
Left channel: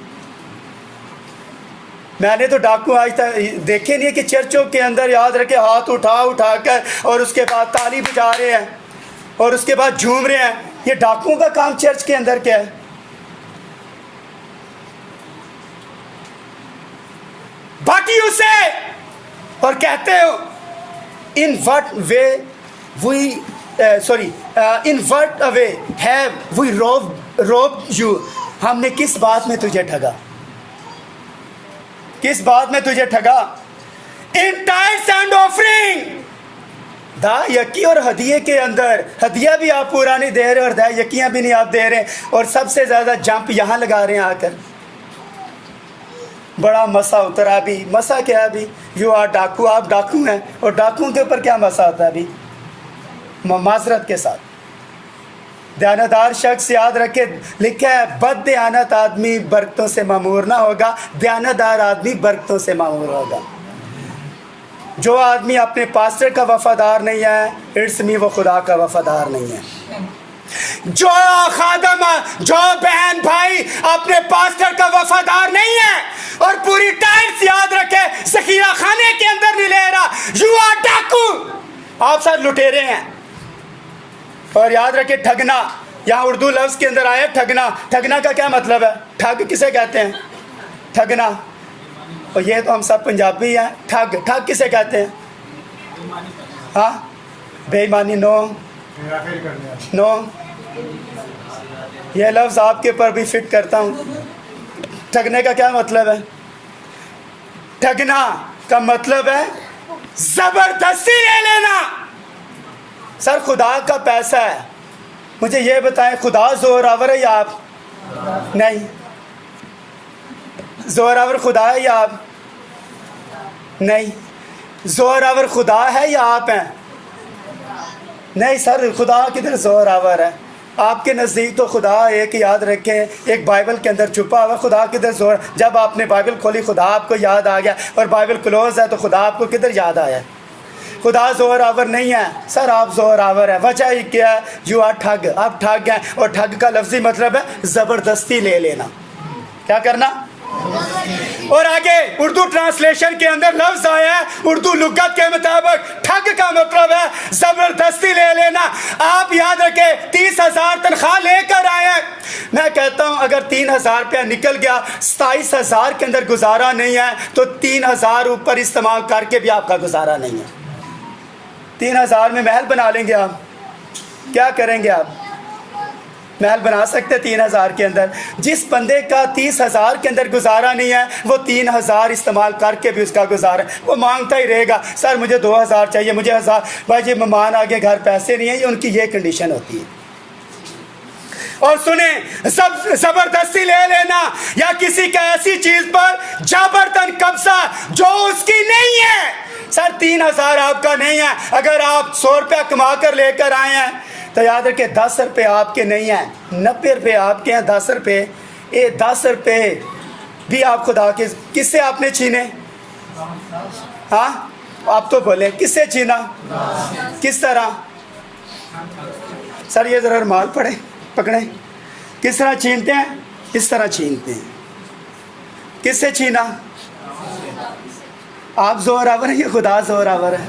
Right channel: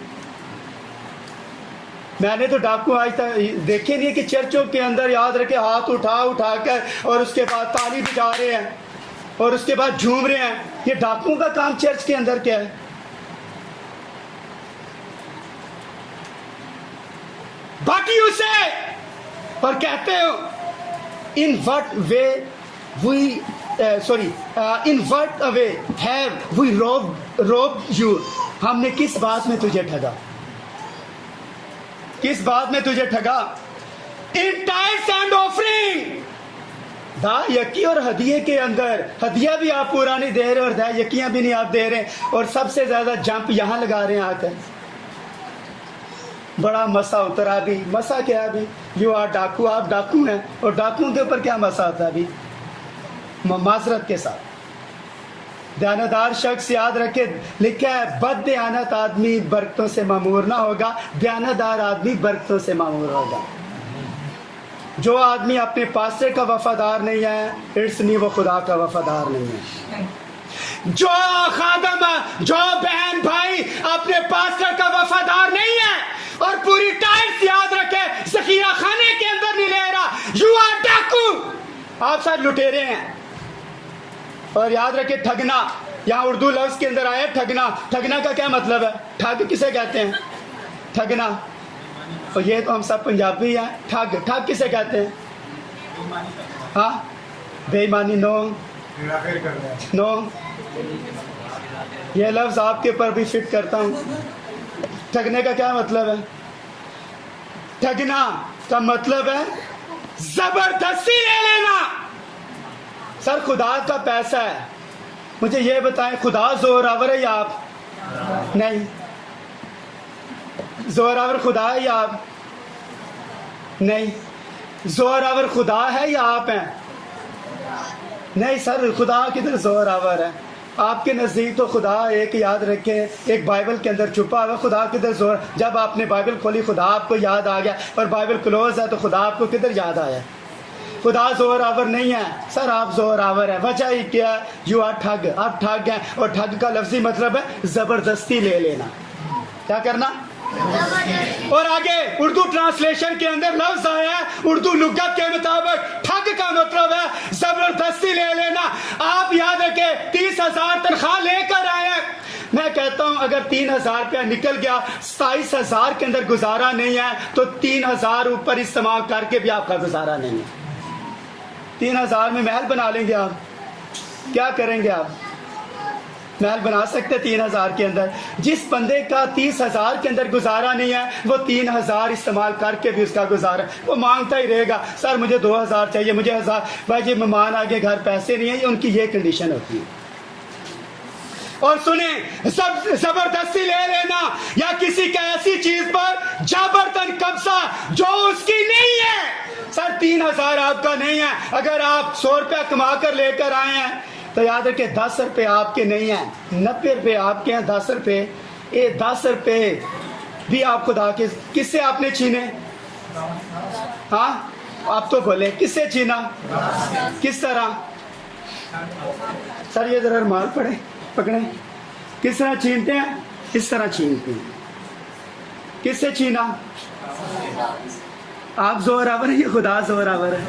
मैंने तो डाकू आज तक देखे नहीं कि चर्चों के अंदर याद रखे हाथ उठा कर और उसके बाद ताली बजा रहे हैं और उसके बाद झूम रहे हैं। ये डाकुओं का काम चर्च के अंदर क्या है? बाकी उसे और कहते हो in what way we in what way have we robbed you? हमने किस बात में तुझे ठगा? किस बात में तुझे ठगा? In tithes and offering, दा यकी और हदिये के अंदर, हदिया भी आप पूरा नहीं दे रहे और दा यकियां भी नहीं आप दे रहे, और सबसे ज़्यादा जंप यहाँ लगा रहे हैं आकर। बड़ा मसा उतरा अभी। मसा क्या है अभी? यू आर डाकू, आप डाकू हैं, और डाकुओं के ऊपर क्या मसा आता है अभी? माजरत के साथ। दयानतदार शख्स याद रखे, लिखा है बद दयानत आदमी बरकतों से मामूर ना होगा, दयानतदार आदमी बरकतों से मामूर होगा। जो आदमी अपने पास्टर का वफादार नहीं है, इट्स मी, वो खुदा का वफादार नहीं है। जो खादम, जो बहन भाई अपने पास्टर का वफादार नहीं है और पूरी टाइट्स याद रखे ज़खीरा खाने के अंदर नहीं ले रहा, यू आर डाकू, आप सब लुटेरे हैं। और याद रखे ठगना, यहाँ उर्दू लफ्ज़ के अंदर आया ठगना। ठगना का क्या मतलब है? ठग किसे कहते हैं? ठगना। और ये तो हम सब पंजाबी हैं। ठग, ठग किसे कहते हैं? हाँ, बेईमानी। नो, ये लफ्ज़ आपके पर भी फिट करता हूँ। ठगने का क्या मतलब है? ठगना का मतलब है ज़बरदस्ती ले लेना। सर खुदा का पैसा है, मुझे ये बताएं, खुदा ज़ोरावर है या आप? नहीं। ज़ोरावर खुदा है या आप? नहीं। ज़ोरावर खुदा है या आप हैं? नहीं सर, खुदा किधर ज़ोरावर है? आपके नज़दीक तो खुदा एक, याद रखें, एक बाइबल के अंदर छुपा हुआ। खुदा किधर ज़ोर? जब आपने बाइबल खोली खुदा आपको याद आ गया, और बाइबल क्लोज है तो खुदा आपको किधर याद आया? खुदा ज़ोरावर नहीं है सर, आप ज़ोरावर है। वजह ही क्या है? यू आर ठग, आप ठग हैं। और ठग का लफ्ज़ी मतलब है ज़बरदस्ती ले लेना। क्या करना? और आगे उर्दू ट्रांसलेशन के अंदर लफ्ज़ आया है, उर्दू लुगत के मुताबिक ठग का मतलब है ज़बरदस्ती ले लेना। आप याद रखें, 30,000 तनख्वाह लेकर आए हैं। मैं कहता हूं अगर 3,000 रुपया निकल गया, 27,000 के अंदर गुजारा नहीं है, तो 3,000 ऊपर इस्तेमाल करके भी आपका गुजारा नहीं है। 3,000 में महल बना लेंगे आप? क्या करेंगे आप? महल बना सकते 3,000 के अंदर? जिस बंदे का 30,000 के अंदर गुजारा नहीं है, वो 3,000 इस्तेमाल करके भी उसका गुजारा, वो मांगता ही रहेगा। सर मुझे 2,000 चाहिए, मुझे 1,000। भाई जी मेहमान आगे घर पैसे नहीं है, उनकी ये कंडीशन होती है। और सुने, सब जबरदस्ती ले लेना या किसी का ऐसी चीज पर जबरदन कब्जा जो उसकी नहीं है। सर 3,000 आपका नहीं है, अगर आप 100 रुपया कमा कर लेकर आए हैं तो याद रखें 10 रुपये आपके नहीं हैं, 90 रुपये आपके हैं। 10 रुपये, ये 10 रुपये भी आप खुदा के, किससे आपने छीने? हाँ आप तो बोले, किससे छीना? किस तरह? सर ये ज़रा रुमाल पकड़े, किस तरह छीनते हैं? इस तरह छीनते हैं। किससे छीना? आप ज़ोरावर हैं या खुदा ज़ोरावर है?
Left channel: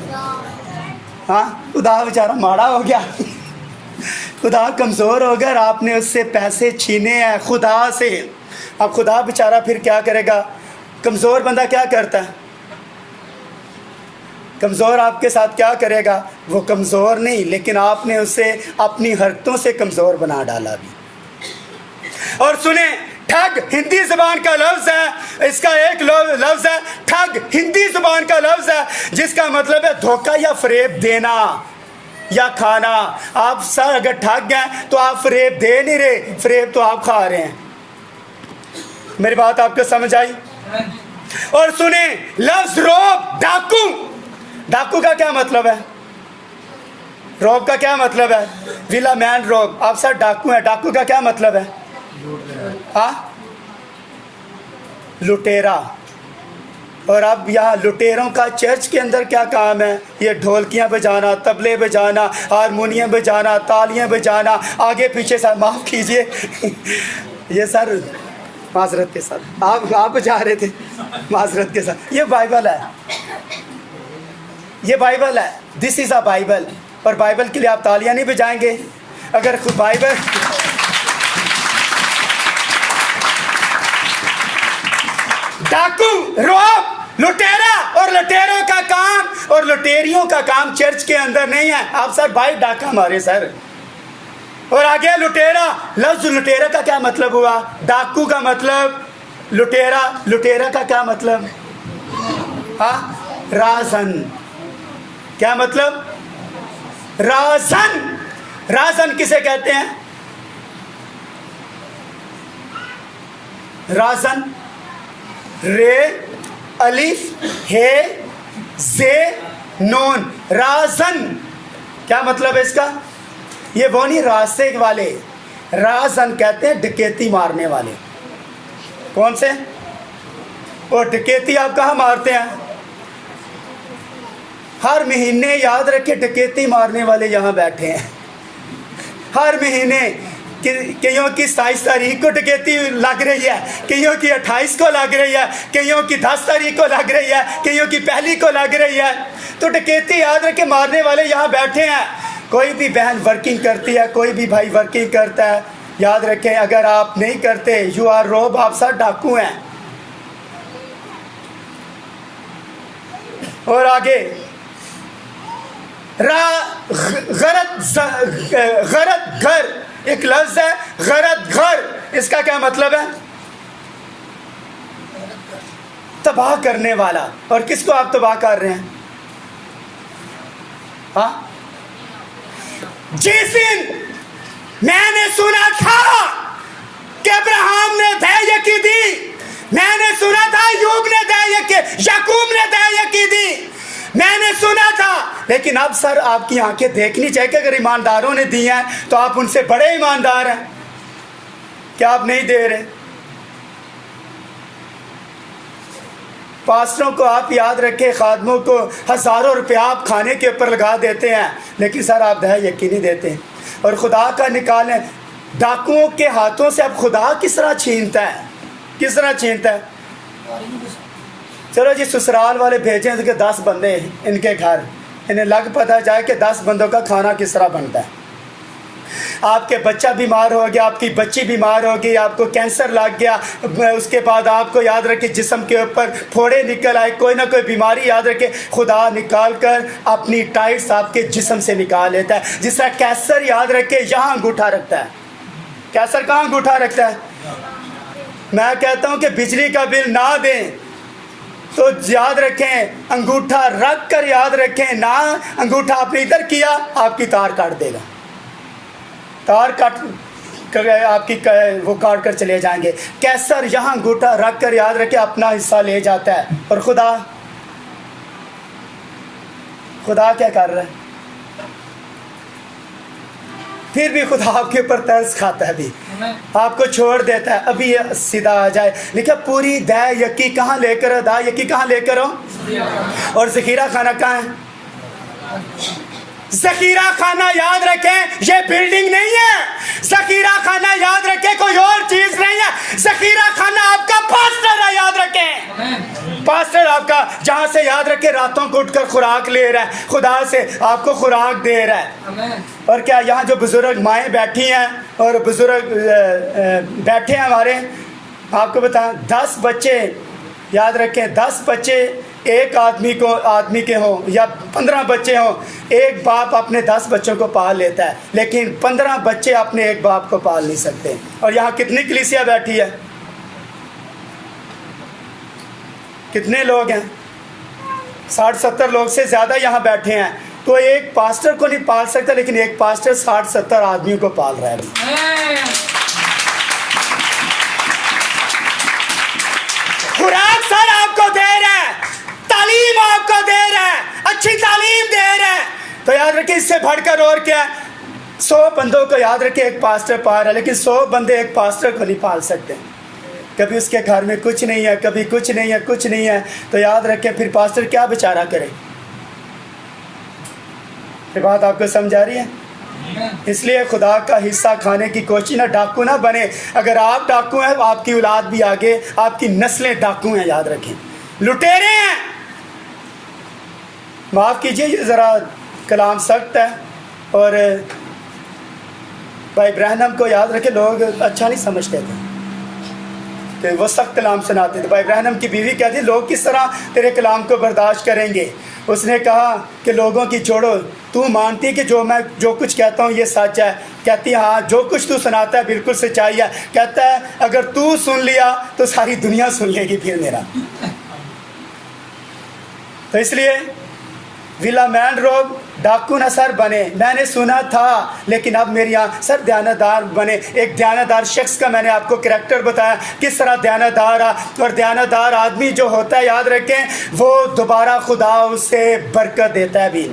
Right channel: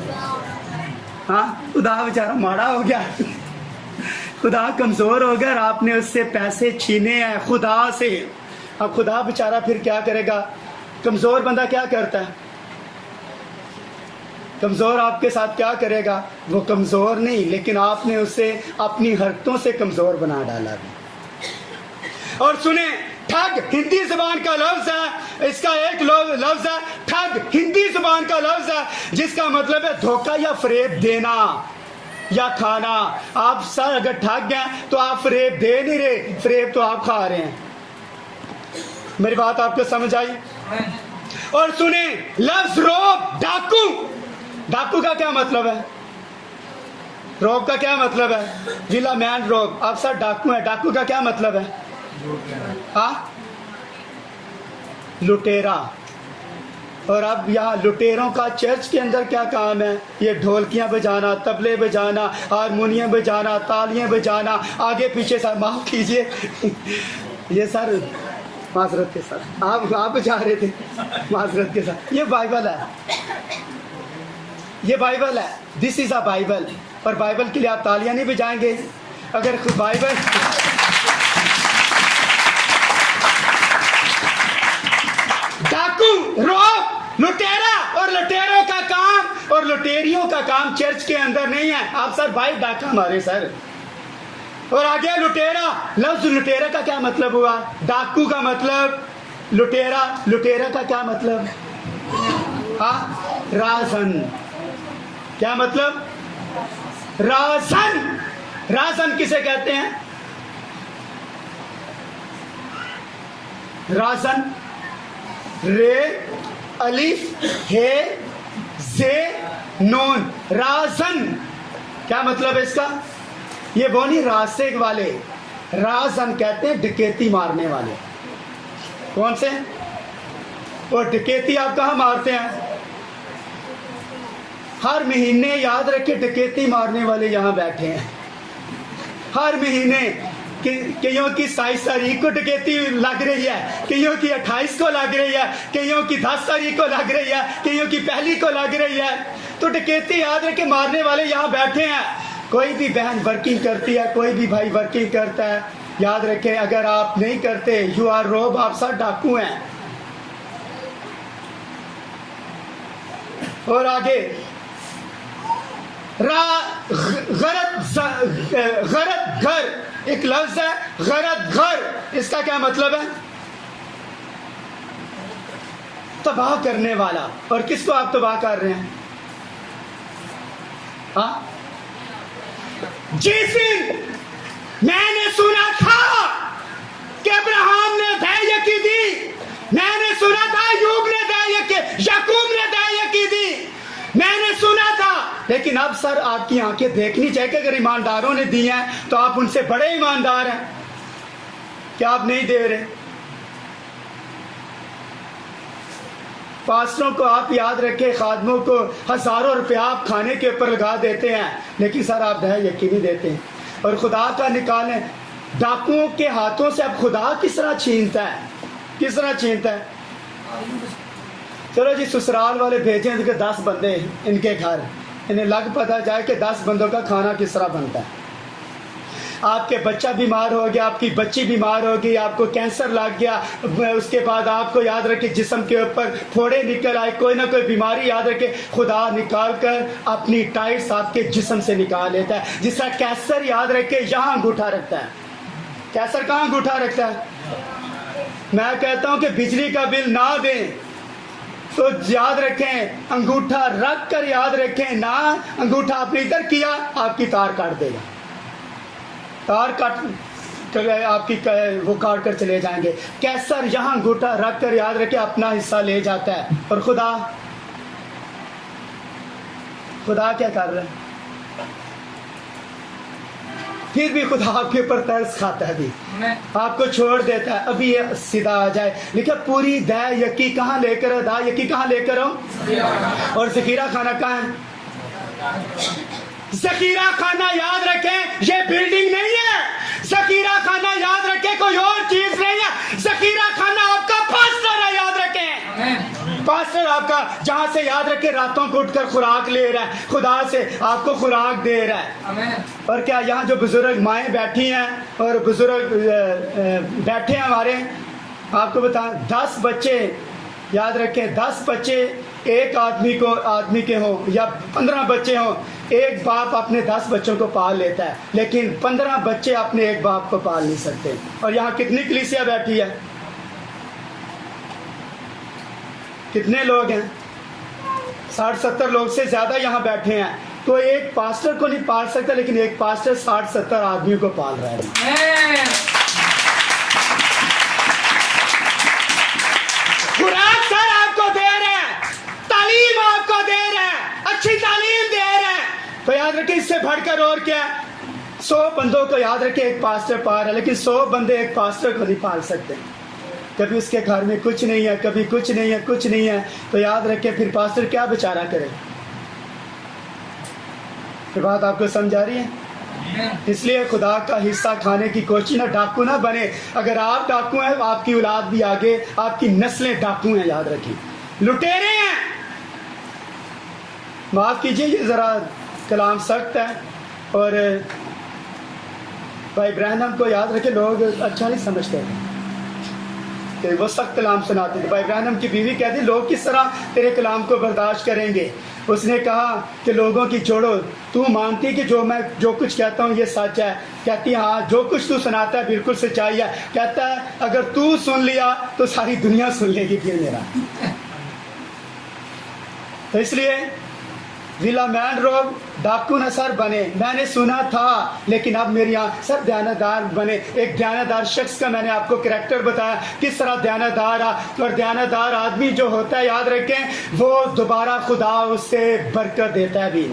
हाँ, खुदा बेचारा माड़ा हो गया, खुदा कमज़ोर हो गया और आपने उससे पैसे छीने हैं खुदा से। अब खुदा बेचारा फिर क्या करेगा? कमज़ोर बंदा क्या करता है? कमज़ोर आपके साथ क्या करेगा? वो कमज़ोर नहीं, लेकिन आपने उसे अपनी हरकतों से कमज़ोर बना डाला भी। और सुने, ठग हिंदी ज़बान का लफ्ज़ है, इसका एक लफ्ज़ है ठग, हिंदी ज़बान का लफ्ज़ है जिसका मतलब है धोखा या फ़रेब देना या खाना। आप सर अगर ठग गए तो आप फ़रेब दे नहीं रहे, फ़रेब तो आप खा रहे हैं। मेरी बात आपको समझ आई? और सुने, लफ्ज़ रौब, डाकू, डाकू का क्या मतलब है? रौब का क्या मतलब है? विला मैन रौब। आप सर डाकू हैं, डाकू का क्या मतलब है? हाँ, लुटेरा। और अब यहाँ लुटेरों का चर्च के अंदर क्या काम है? ये ढोलकियाँ बजाना, तबले बजाना, हारमोनियम बजाना, तालियाँ बजाना, आगे पीछे सर माफ़ कीजिए ये सर माजरत के साथ आप बजा रहे थे, माजरत के साथ। ये बाइबल है, ये बाइबल है, दिस इज़ अ बाइबल। और बाइबल के लिए आप तालियां नहीं बजाएंगे? अगर बाइबल डाकू, रौब, लुटेरा और लुटेरों का काम और लुटेरियों का काम चर्च के अंदर नहीं है। आप सर भाई डाका मारे सर। और आगे लुटेरा, लफ्ज लुटेरा का क्या मतलब हुआ? डाकू का मतलब लुटेरा, लुटेरा का क्या मतलब? हाँ, राजन। क्या मतलब? राजन। राजन किसे कहते हैं? राजन, रे अलिफ हे जे नून, राजन। क्या मतलब है इसका? ये वो नहीं रासेग वाले, राजन कहते हैं डकैती मारने वाले। कौन से? और डकैती आप कहाँ मारते हैं? हर महीने याद रखे डकैती मारने वाले यहाँ बैठे हैं। हर महीने कईयों की 27 तारीख को डकैती लग रही है, कईयों की 28 को लग रही है, कईयों की 10 तारीख को लग रही है, कईयों की पहली को लग रही है। तो डकैती याद रखे मारने वाले यहाँ बैठे हैं। कोई भी बहन वर्किंग करती है, कोई भी भाई वर्किंग करता है, याद रखें अगर आप नहीं करते यू आर रोब, आप सब डाकू हैं। और आगे गरत घर, एक लफ्ज है गरत घर, इसका क्या मतलब है? तबाह करने वाला। और किसको आप तबाह कर रहे हैं? हाँ, जिस दिन मैंने सुना था कि अब्राहम ने धैर्य की दी, मैंने सुना था यूब ने धैर्य की, याकूब ने धैर्य की दी, मैंने सुना था। लेकिन अब सर आपकी आंखें देखनी चाहिए कि अगर ईमानदारों ने दी हैं तो आप उनसे बड़े ईमानदार हैं। क्या आप नहीं दे रहे? पास्टरों को आप याद रखें, खादमों को हज़ारों रुपया आप खाने के ऊपर लगा देते हैं, लेकिन सर आप दया यकीनी देते हैं। और खुदा का निकालें, डाकुओं के हाथों से अब खुदा किस तरह छीनता है? किस तरह छीनता है? चलो जी ससुराल वाले भेजें कि 10 बंदे इनके घर, इन्हें लग पता जाए कि 10 बंदों का खाना किस तरह बनता है। आपके बच्चा बीमार हो गया, आपकी बच्ची बीमार हो गई, आपको कैंसर लग गया, उसके बाद आपको याद रखे जिस्म के ऊपर फोड़े निकल आए, कोई ना कोई बीमारी याद रखे, खुदा निकाल कर अपनी टाइट्स आपके जिस्म से निकाल लेता है। जिस तरह कैंसर याद रखे यहाँ अंगूठा रखता है। कैंसर कहाँ अंगूठा रखता है? मैं कहता हूँ कि बिजली का बिल ना दें तो याद रखें अंगूठा रख कर याद रखें ना, अंगूठा आपने इधर किया आपकी तार काट देगा, तार काट कर आपकी वो काट कर चले जाएंगे। कैंसर यहाँ अंगूठा रख कर याद रखें अपना हिस्सा ले जाता है। और खुदा क्या कर रहा है? फिर भी खुदा आपके ऊपर तरस खाता है, भी आपको छोड़ देता है। अभी सीधा आ जाए, लिखा पूरी दया यकी कहाँ लेकर, अदा यकी कहाँ लेकर हो? और ज़खीरा खाना कहाँ है? ज़खीरा खाना याद रखें ये बिल्डिंग नहीं है, ज़खीरा खाना याद रखें कोई और चीज नहीं है। ज़खीरा खाना आपका पास्टर है, याद रखें पास्टर आपका, जहां से याद रखें रातों को उठकर खुराक ले रहा है, खुदा से आपको खुराक दे रहा है। और क्या यहाँ जो बुजुर्ग माएँ बैठी हैं और बुजुर्ग बैठे हैं हमारे, आपको बता 10 बच्चे याद रखें, 10 बच्चे एक आदमी के हों या 15 बच्चे हों, एक बाप अपने 10 बच्चों को पाल लेता है, लेकिन 15 बच्चे अपने एक बाप को पाल नहीं सकते। और यहाँ कितनी कलीसिया बैठी है? कितने लोग हैं? 60-70 लोग से ज़्यादा यहाँ बैठे हैं। तो एक पास्टर को नहीं पाल सकता, लेकिन एक पास्टर 60-70 आदमियों को पाल रहा है। खुराक सर आपको दे रहा है, तालीम आपको दे रहा है, अच्छी तालीम दे रहा है। तो याद रखिए इससे बढ़कर और क्या? 100 बंदों को याद रखिए एक पास्टर पाल रहा है, लेकिन 100 बंदे एक पास्टर को नहीं पाल सकते। कभी उसके घर में कुछ नहीं है, कभी कुछ नहीं है, कुछ नहीं है, तो याद रखें फिर पास्टर क्या बेचारा करे। ये बात आपको समझ आ रही है? इसलिए खुदा का हिस्सा खाने की कोशिश ना, डाकू ना बने। अगर आप डाकू हैं आपकी औलाद भी आगे, आपकी नस्लें डाकू हैं, याद रखें, लुटेरे हैं। माफ़ कीजिए ये ज़रा कलाम सख्त है, और भाई ब्रहनम को याद रखें लोग अच्छा नहीं समझते थे। कि वो सख्त कलाम सुनाते थे। भाई इब्राहिम की बीवी कहती लोग किस तरह तेरे कलाम को बर्दाश्त करेंगे। उसने कहा कि लोगों की छोड़ो, तू मानती कि मैं जो कुछ कहता हूँ ये सच है? कहती हाँ, जो कुछ तू सुनाता है बिल्कुल सच्चाई है। कहता है अगर तू सुन लिया तो सारी दुनिया सुन लेगी फिर मेरा। तो इसलिए विला मैन रोग डाकू न सर बने, मैंने सुना था लेकिन अब मेरे यहाँ सर दयानतदार बने। एक दयानतदार शख्स का मैंने आपको करैक्टर बताया किस तरह दयानतदार है। और दयानतदार आदमी जो होता है, याद रखें, वो दोबारा खुदा उसे बरकत देता है भी।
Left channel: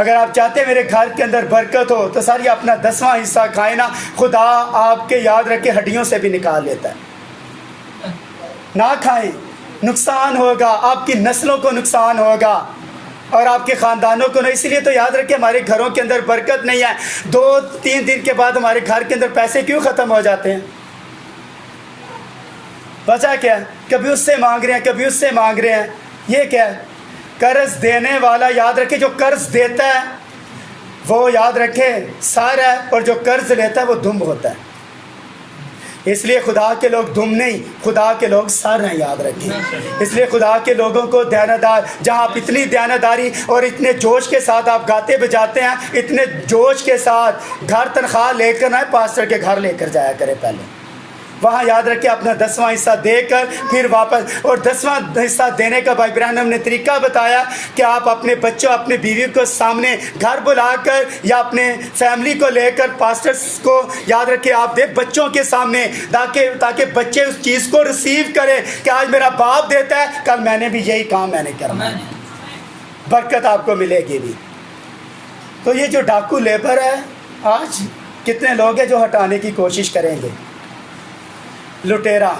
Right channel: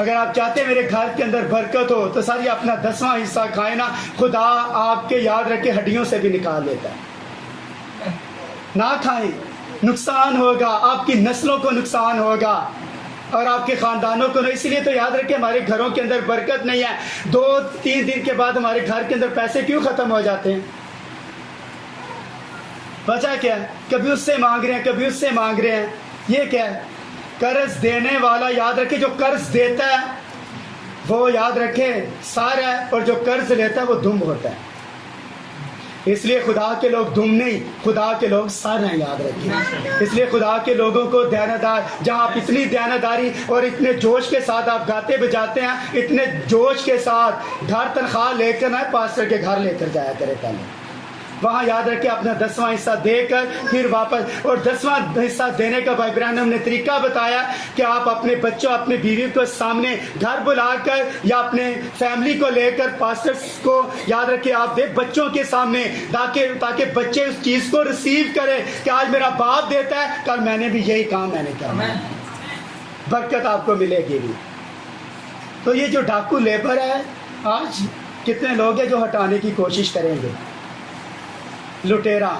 अगर आप चाहते हैं मेरे घर के अंदर बरकत हो तो सारी अपना 10वां हिस्सा खाए ना, खुदा आपके, याद रखें, हड्डियों से भी निकाल लेता है। ना खाएं, नुकसान होगा, आपकी नस्लों को नुकसान होगा और आपके ख़ानदानों को नहीं। इसलिए तो याद रखें हमारे घरों के अंदर बरकत नहीं है। 2-3 दिन के बाद हमारे घर के अंदर पैसे क्यों ख़त्म हो जाते हैं? वजह क्या है? कभी उससे मांग रहे हैं, कभी उससे मांग रहे हैं। ये क्या है? कर्ज देने वाला, याद रखे, जो कर्ज देता है वो, याद रखे, सार है, और जो कर्ज लेता है वो दुम होता है। इसलिए खुदा के लोग दुम नहीं, खुदा के लोग सर हैं, याद रखिए। इसलिए खुदा के लोगों को दयानतदार, जहाँ आप इतनी दयानतदारी और इतने जोश के साथ आप गाते बजाते हैं, इतने जोश के साथ घर तनख्वाह लेकर ना पास्टर के घर लेकर जाया करें पहले। वहाँ याद रखें अपना 10वां हिस्सा देकर फिर वापस, और 10वां हिस्सा देने का भाई इब्राहिम ने तरीका बताया कि आप अपने बच्चों, अपने बीवी को सामने घर बुलाकर या अपने फैमिली को लेकर पास्टर्स को, याद रखें, आप दे बच्चों के सामने, ताकि बच्चे उस चीज़ को रिसीव करें कि आज मेरा बाप देता है, कल मैंने भी यही काम मैंने करना है, बरकत आपको मिलेगी भी। तो ये जो डाकू लेबर है, आज कितने लोग हैं जो हटाने की कोशिश करेंगे? लुटेरा,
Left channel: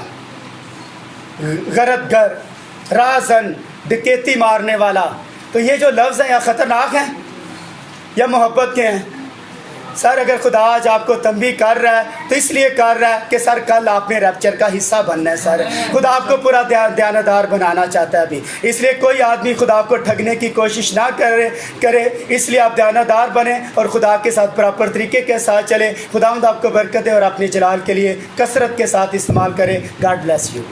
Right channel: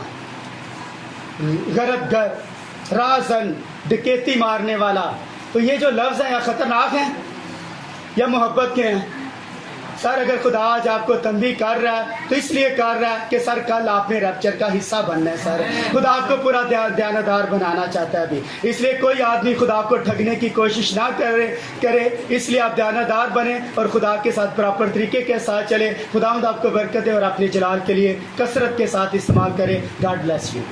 गरदगर, राजन, डकैती मारने वाला। तो ये जो लफ्ज़ हैं या ख़तरनाक हैं या मोहब्बत के हैं? सर अगर खुदा आज आपको तंबीह कर रहा है तो इसलिए कर रहा है कि सर कल आपने रैप्चर का हिस्सा बनना है। सर खुदा आपको पूरा दयानतदार बनाना चाहता है अभी। इसलिए कोई आदमी खुदा को ठगने की कोशिश ना करे, इसलिए आप दयानतदार बने और खुदा के साथ प्रॉपर तरीके के साथ चले। खुदावंद आपको बरकत दे और अपने जलाल के लिए कसरत के साथ इस्तेमाल करे। God bless you.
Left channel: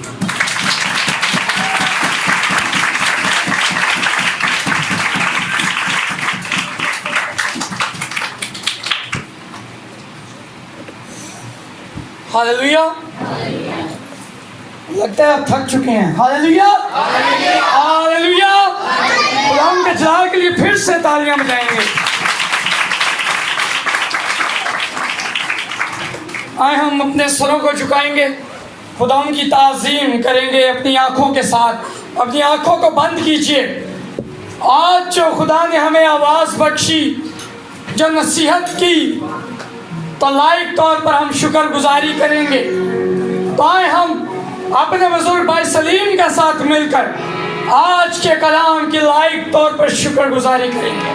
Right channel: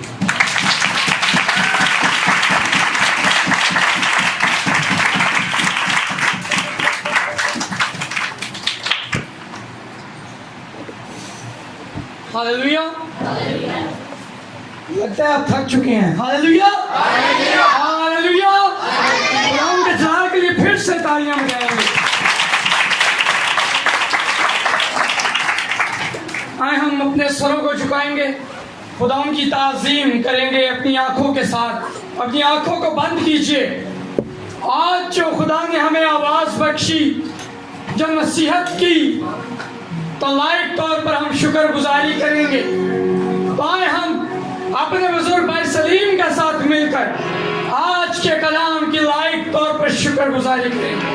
हालेलुया। लगता है आप थक चुके हैं। Hallelujah, hallelujah. खुदावंद के जलाल के लिए फिर से तालियां बजाएंगे। आए हम अपने स्वरों को झुकाएंगे, खुदावंद की ताज़ीम करेंगे अपनी आंखों के साथ। अपनी आंखों को बंद कीजिए। आज जो खुदा ने हमें आवाज़ बख्शी, जो नसीहत की, तो लायक तौर पर हम शुक्रगुजारी करेंगे। तो आए हम अपने बुजुर्ग भाई सलीम के साथ मिलकर आज के कलाम की लायक तौर पर शुक्रगुजारी करेंगे।